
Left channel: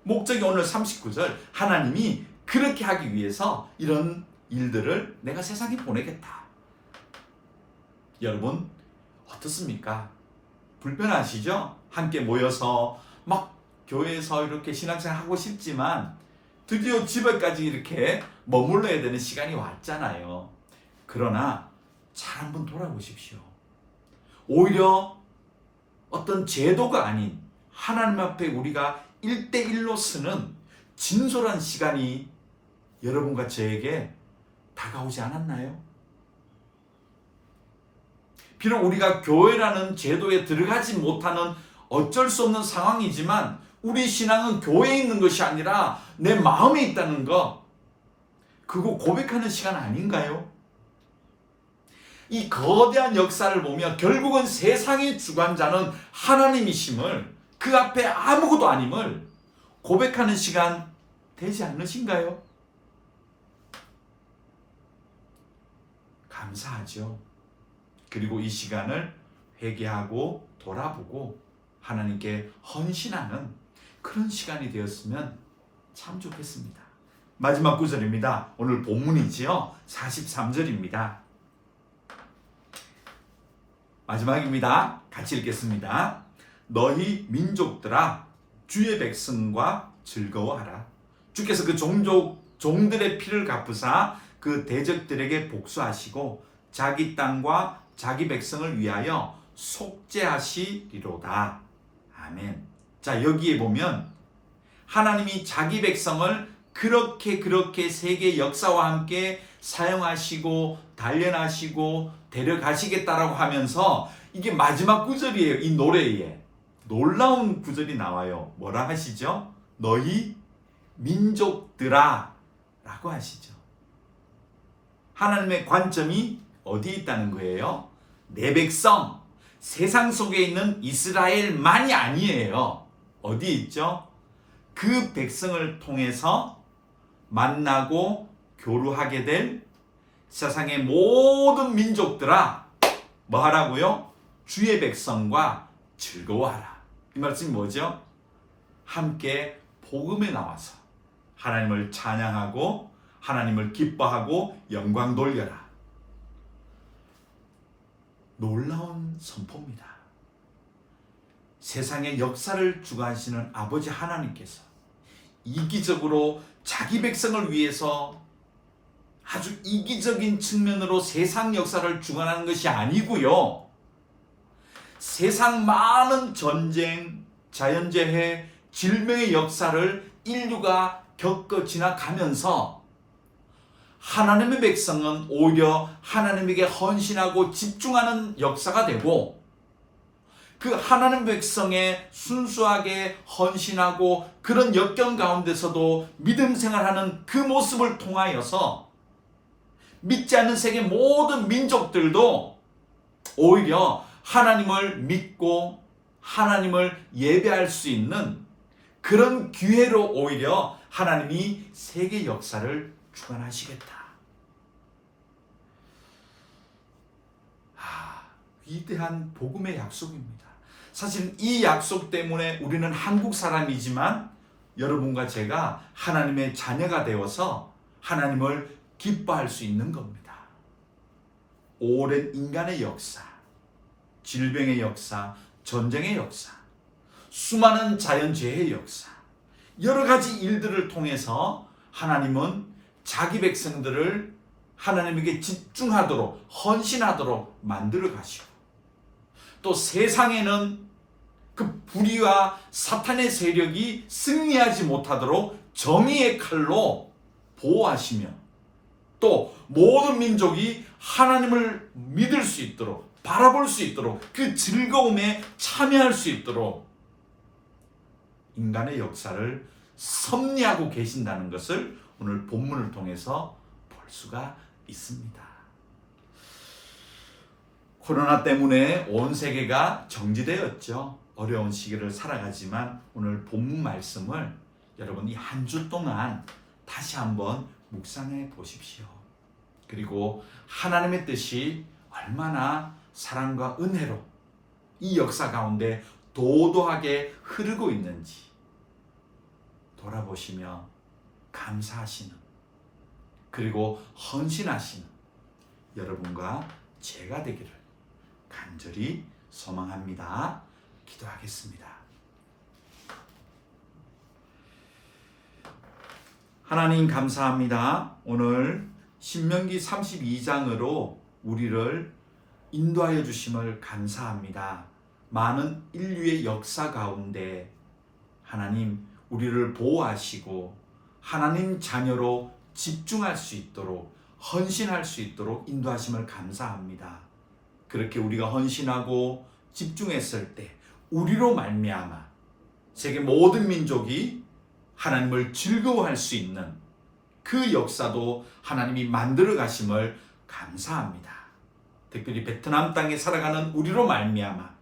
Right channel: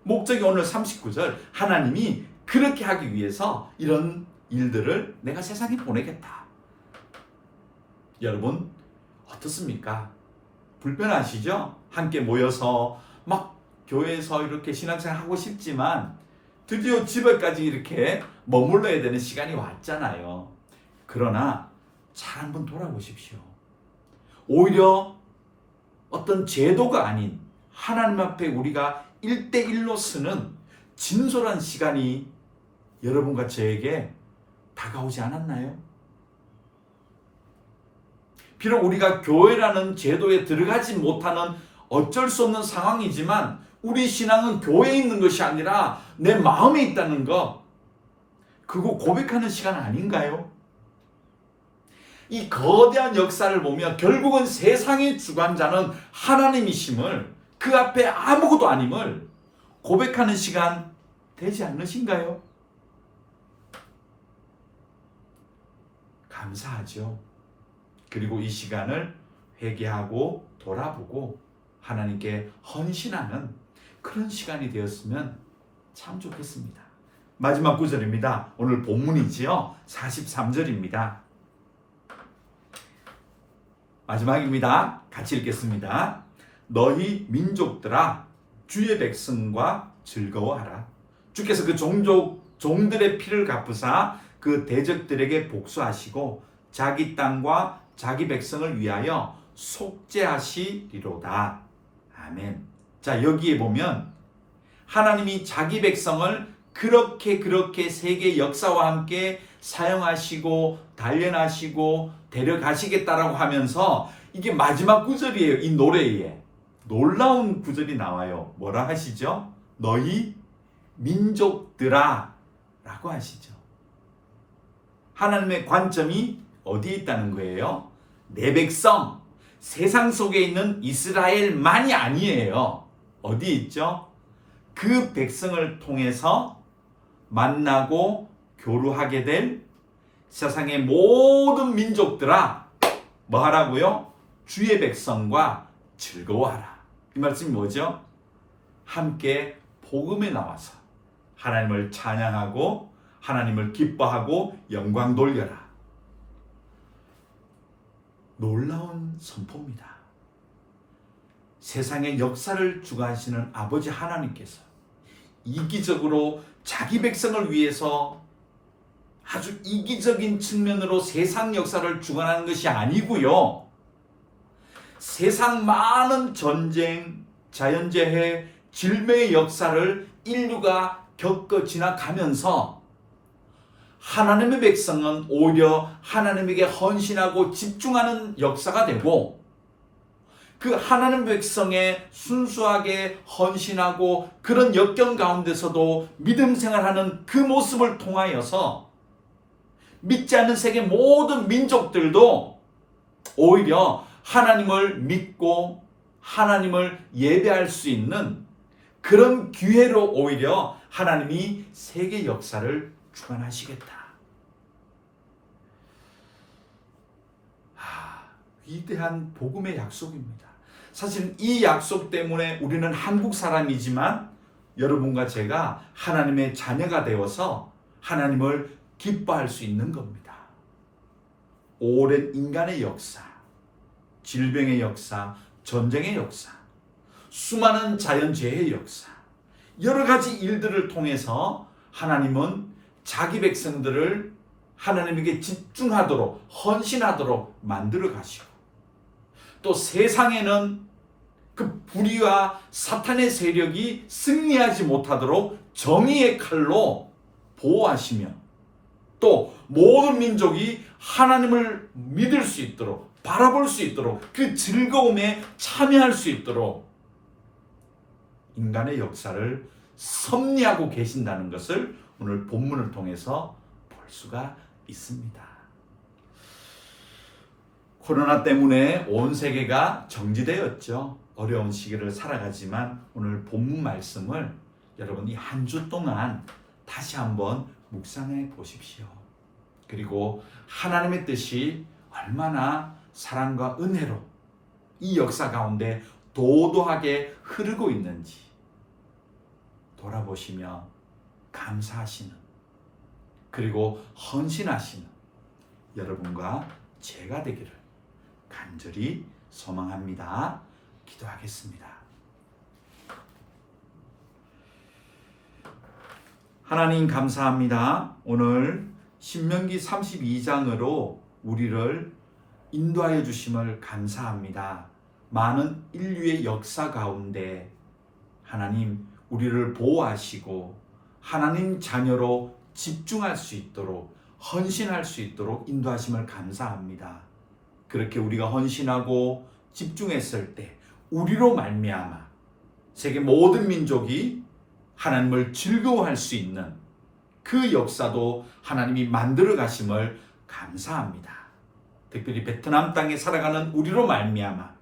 목적이 오늘 39절, 하나님이 그렇게 하기 위해서 이런 일들을 내가 세상에 보내겠다. 여러분 어떻습니까? 불편하시죠? 함께 모여서 막 교회에서 이렇게 신앙생활 하고 싶지만 드디어 집에까지 이렇게 머물러야 되는 시간이 왔잖아요. 그러나 잘 한번 돌아보십시오. 오히려 어떤 제도가 아닌 하나님 앞에 우리가 1대1로 쓰는 진솔한 시간이 여러분과 저에게 다가오지 않았나요? 비록 우리가 교회라는 제도에 들어가지 못하는 어쩔 수 없는 상황이지만 우리 신앙은 교회에 있는 것이 아니라 내 마음에 있다는 것, 그거 고백하는 시간 아닌가요? 이 거대한 역사를 보며 결국은 세상의 주관자는 하나님이심을, 그 앞에 아무것도 아님을 고백하는 시간 되지 않으신가요? 감사하죠. 그리고 이 시간을 회개하고 돌아보고 하나님께 헌신하는 그런 시간이 되었으면 참 좋겠습니다. 마지막 구절입니다. 오늘 본문이지요. 43절입니다. 마지막입니다. 같이 읽겠습니다. 너희 민족들아 주의 백성과 즐거워하라. 주께서 그 종들의 피를 갚으사 그 대적들에게 복수하시고 자기 땅과 자기 백성을 위하여 속죄하시리로다. 아멘. 자, 여기에 보면 하나님이 자기 백성을 그렇게 세계 역사와 함께 사용하시고 단련하시고 데려가시겠다라고 하면서 이게 마지막 구절이에요. 이 노래에 놀라운 구절이 나와요. 뭐라 하시죠? 너희 민족들아 라고 하시죠. 하나님의 관점이 어디에 있다는 거예요? 내 백성, 세상 속에 있는 이스라엘만이 아니에요. 어디에 있죠? 그 백성을 통해서 만나고 교류하게 될 세상의 모든 민족들아, 뭐 하라고요? 주의 백성과 즐거워하라. 이 말씀이 뭐죠? 함께 복음에 나와서 하나님을 찬양하고 하나님을 기뻐하고 영광 돌려라. 놀라운 선포입니다. 세상의 역사를 주관하시는 아버지 하나님께서 이기적으로 자기 백성을 위해서 아주 이기적인 측면으로 세상 역사를 주관하는 것이 아니고요. 세상 많은 전쟁, 자연재해, 질병의 역사를 인류가 겪어 지나가면서 하나님의 백성은 오히려 하나님에게 헌신하고 집중하는 역사가 되고, 그 하나님 백성의 순수하게 헌신하고 그런 역경 가운데서도 믿음 생활하는 그 모습을 통하여서 믿지 않는 세계 모든 민족들도 오히려 하나님을 믿고 하나님을 예배할 수 있는 그런 기회로 오히려 하나님이 세계 역사를 주관하시겠다. 위대한 복음의 약속입니다. 사실 이 약속 때문에 우리는 한국 사람이지만 여러분과 제가 하나님의 자녀가 되어서 하나님을 기뻐할 수 있는 겁니다. 오랜 인간의 역사, 질병의 역사, 전쟁의 역사, 수많은 자연재해의 역사, 여러 가지 일들을 통해서 하나님은 자기 백성들을 하나님에게 집중하도록, 헌신하도록 만들어 가시고, 또 세상에는 그 불의와 사탄의 세력이 승리하지 못하도록 정의의 칼로 보호하시며, 또 모든 민족이 하나님을 믿을 수 있도록, 바라볼 수 있도록, 그 즐거움에 참여할 수 있도록 인간의 역사를 섭리하고 계신다는 것을 오늘 본문을 통해서 볼 수가 있습니다. 코로나 때문에 온 세계가 정지되었죠. 어려운 시기를 살아가지만 오늘 본문 말씀을 여러분 이 한 주 동안 다시 한번 묵상해 보십시오. 그리고 하나님의 뜻이 얼마나 사랑과 은혜로 이 역사 가운데 도도하게 흐르고 있는지 돌아보시며 감사하시는, 그리고 헌신하시는 여러분과 제가 되기를 간절히 소망합니다. 기도하겠습니다. 하나님 감사합니다. 오늘 신명기 32장으로 우리를 인도하여 주심을 감사합니다. 많은 인류의 역사 가운데 하나님 우리를 보호하시고 하나님 자녀로 집중할 수 있도록, 헌신할 수 있도록 인도하심을 감사합니다. 그렇게 우리가 헌신하고 집중했을 때 우리로 말미암아 세계 모든 민족이 하나님을 즐거워할 수 있는 그 역사도 하나님이 만들어 가심을 감사합니다. 특별히 베트남 땅에 살아가는 우리로 말미암아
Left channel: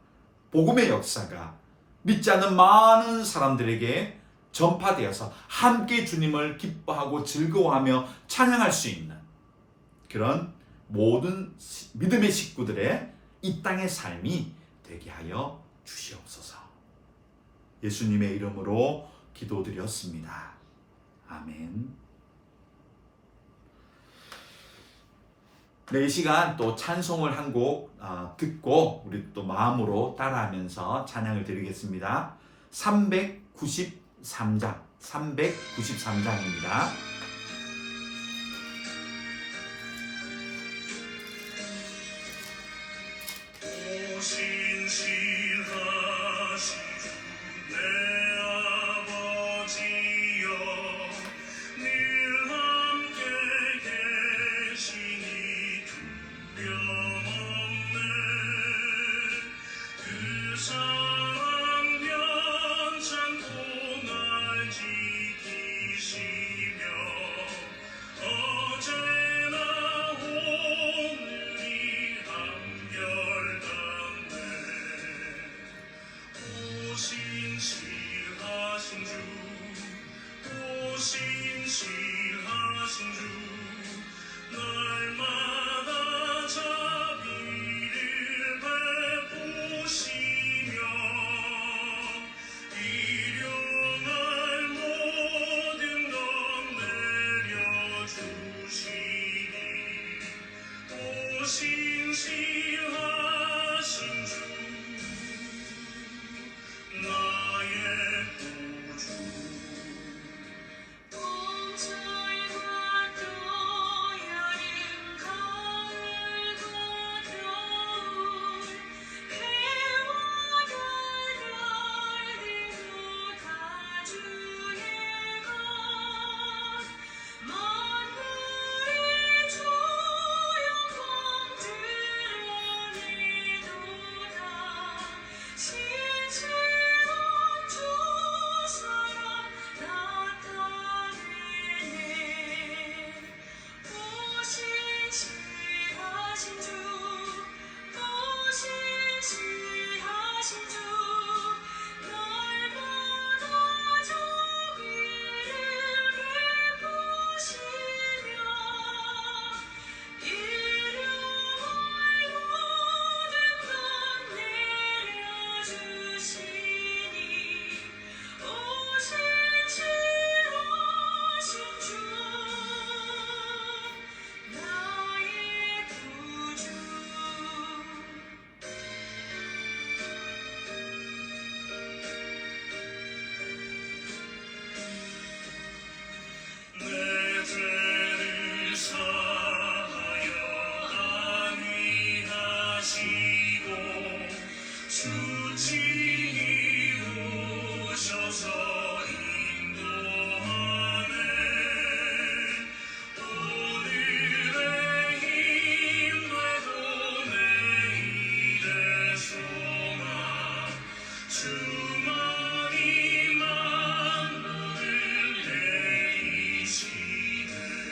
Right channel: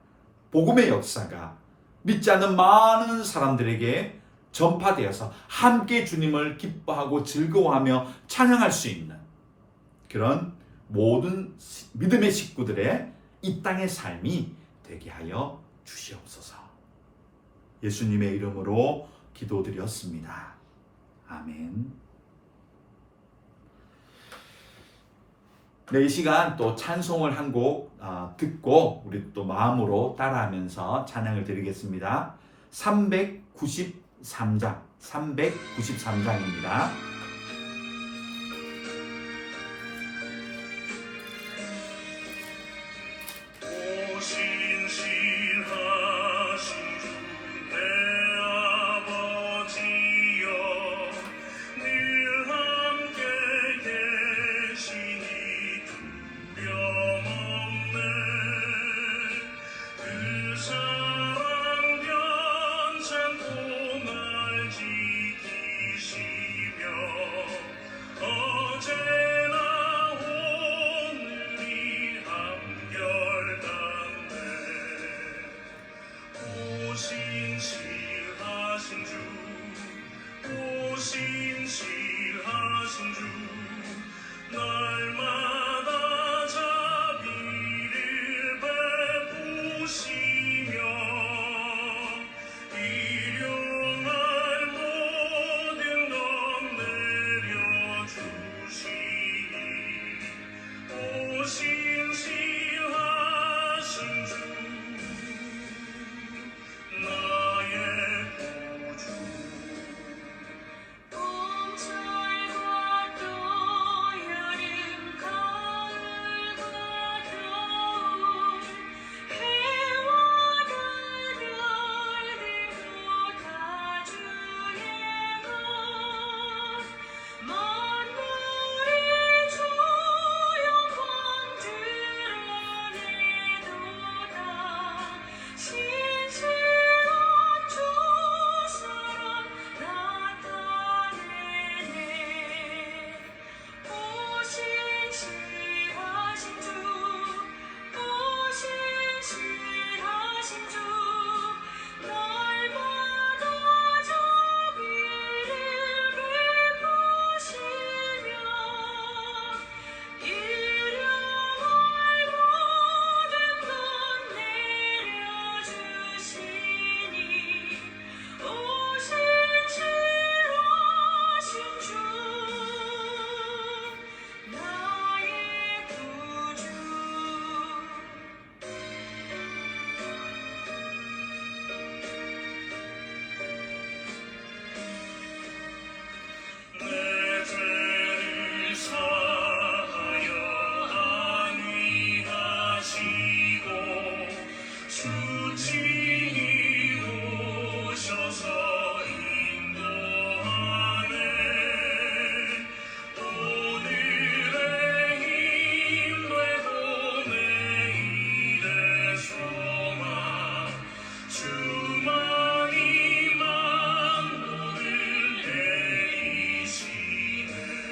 복음의 역사가 믿지 않는 많은 사람들에게 전파되어서 함께 주님을 기뻐하고 즐거워하며 찬양할 수 있는 그런 모든 믿음의 식구들의 이 땅의 삶이 되게 하여 주시옵소서. 예수님의 이름으로 기도드렸습니다. 아멘. 네, 이 시간 또 찬송을 한 곡 듣고 우리 또 마음으로 따라하면서 찬양을 드리겠습니다. 393장입니다. 날 지키시며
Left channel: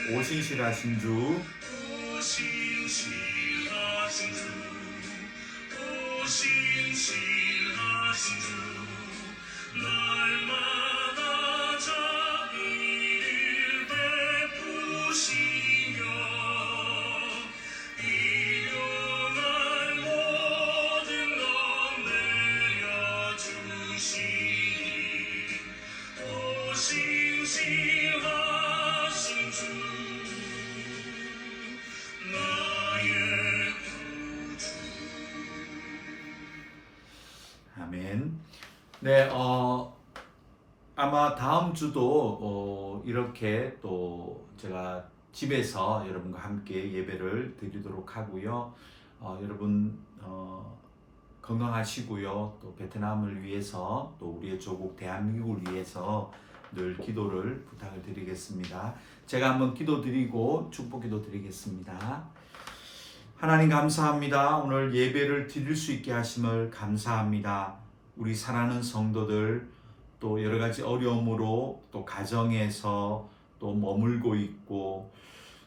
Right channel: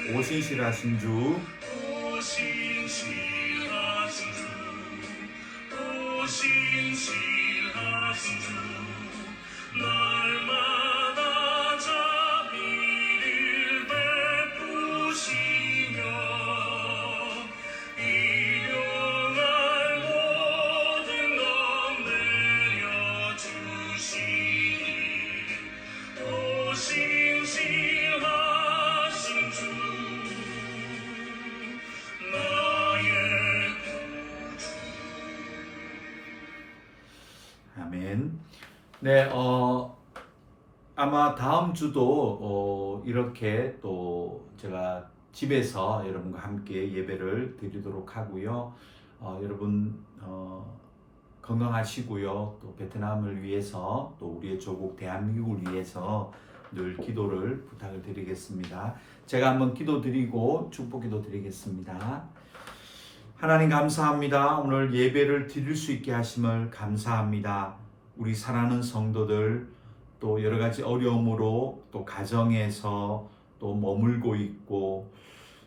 오 신실하신 주 날마다 자비를 베푸시며 일용할 모든 것 내려주시니 오 신실하신 주 나의 구주. 아멘. 네, 아마 다음 주도 이렇게 또 제가 집에서 여러분과 함께 예배를 드리도록 하고요. 여러분 건강하시고요. 또 베트남을 위해서 또 우리의 조국 대한민국을 위해서 늘 기도를 부탁을 드리겠습니다. 제가 한번 기도드리고 축복기도 드리겠습니다. 하나님 감사합니다. 오늘 예배를 드릴 수 있게 하심을 감사합니다. 우리 사랑하는 성도들 또 여러 가지 어려움으로 또 가정에서 또 머물고 있고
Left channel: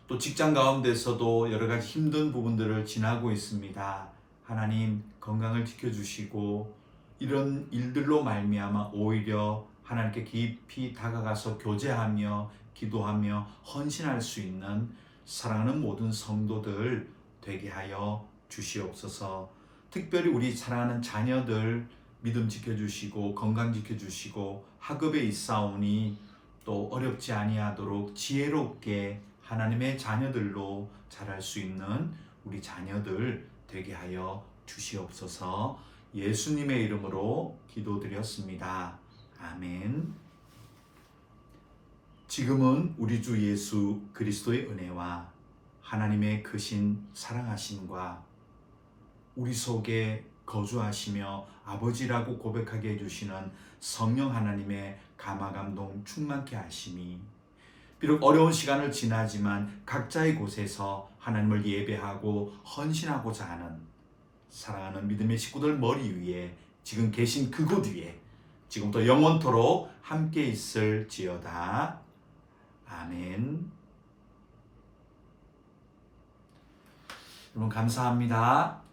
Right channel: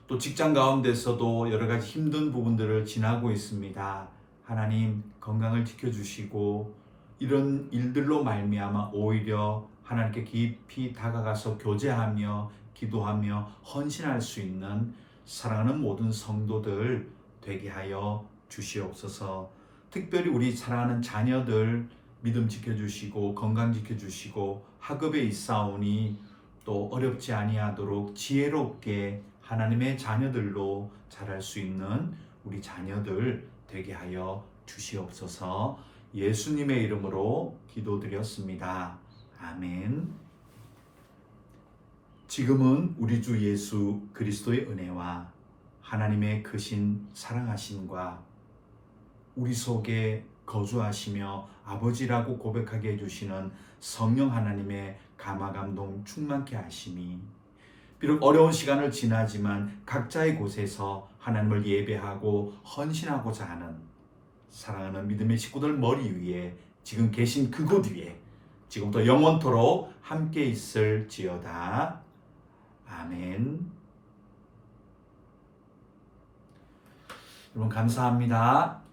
또 직장 가운데서도 여러 가지 힘든 부분들을 지나고 있습니다. 하나님 건강을 지켜주시고 이런 일들로 말미암아 오히려 하나님께 깊이 다가가서 교제하며 기도하며 헌신할 수 있는 사랑하는 모든 성도들 되게 하여 주시옵소서. 특별히 우리 사랑하는 자녀들 믿음 지켜주시고 건강 지켜주시고 학업에 있사오니 또 어렵지 아니하도록 지혜롭게 하나님의 자녀들로 자랄 수 있는 우리 자녀들 되게 하여 주시옵소서. 예수님의 이름으로 기도드렸습니다. 아멘. 지금은 우리 주 예수 그리스도의 은혜와 하나님의 크신 사랑하심과 우리 속에 거주하시며 아버지라고 고백하게 해주시는 성령 하나님의 감화감동 충만케 하심이 비록 어려운 시간을 지나지만 각자의 곳에서 하나님을 예배하고 헌신하고자 하는 사랑하는 믿음의 식구들 머리 위에 지금 계신 그곳 위에 지금부터 영원토록 함께 있을지어다. 아멘. 여러분 감사합니다.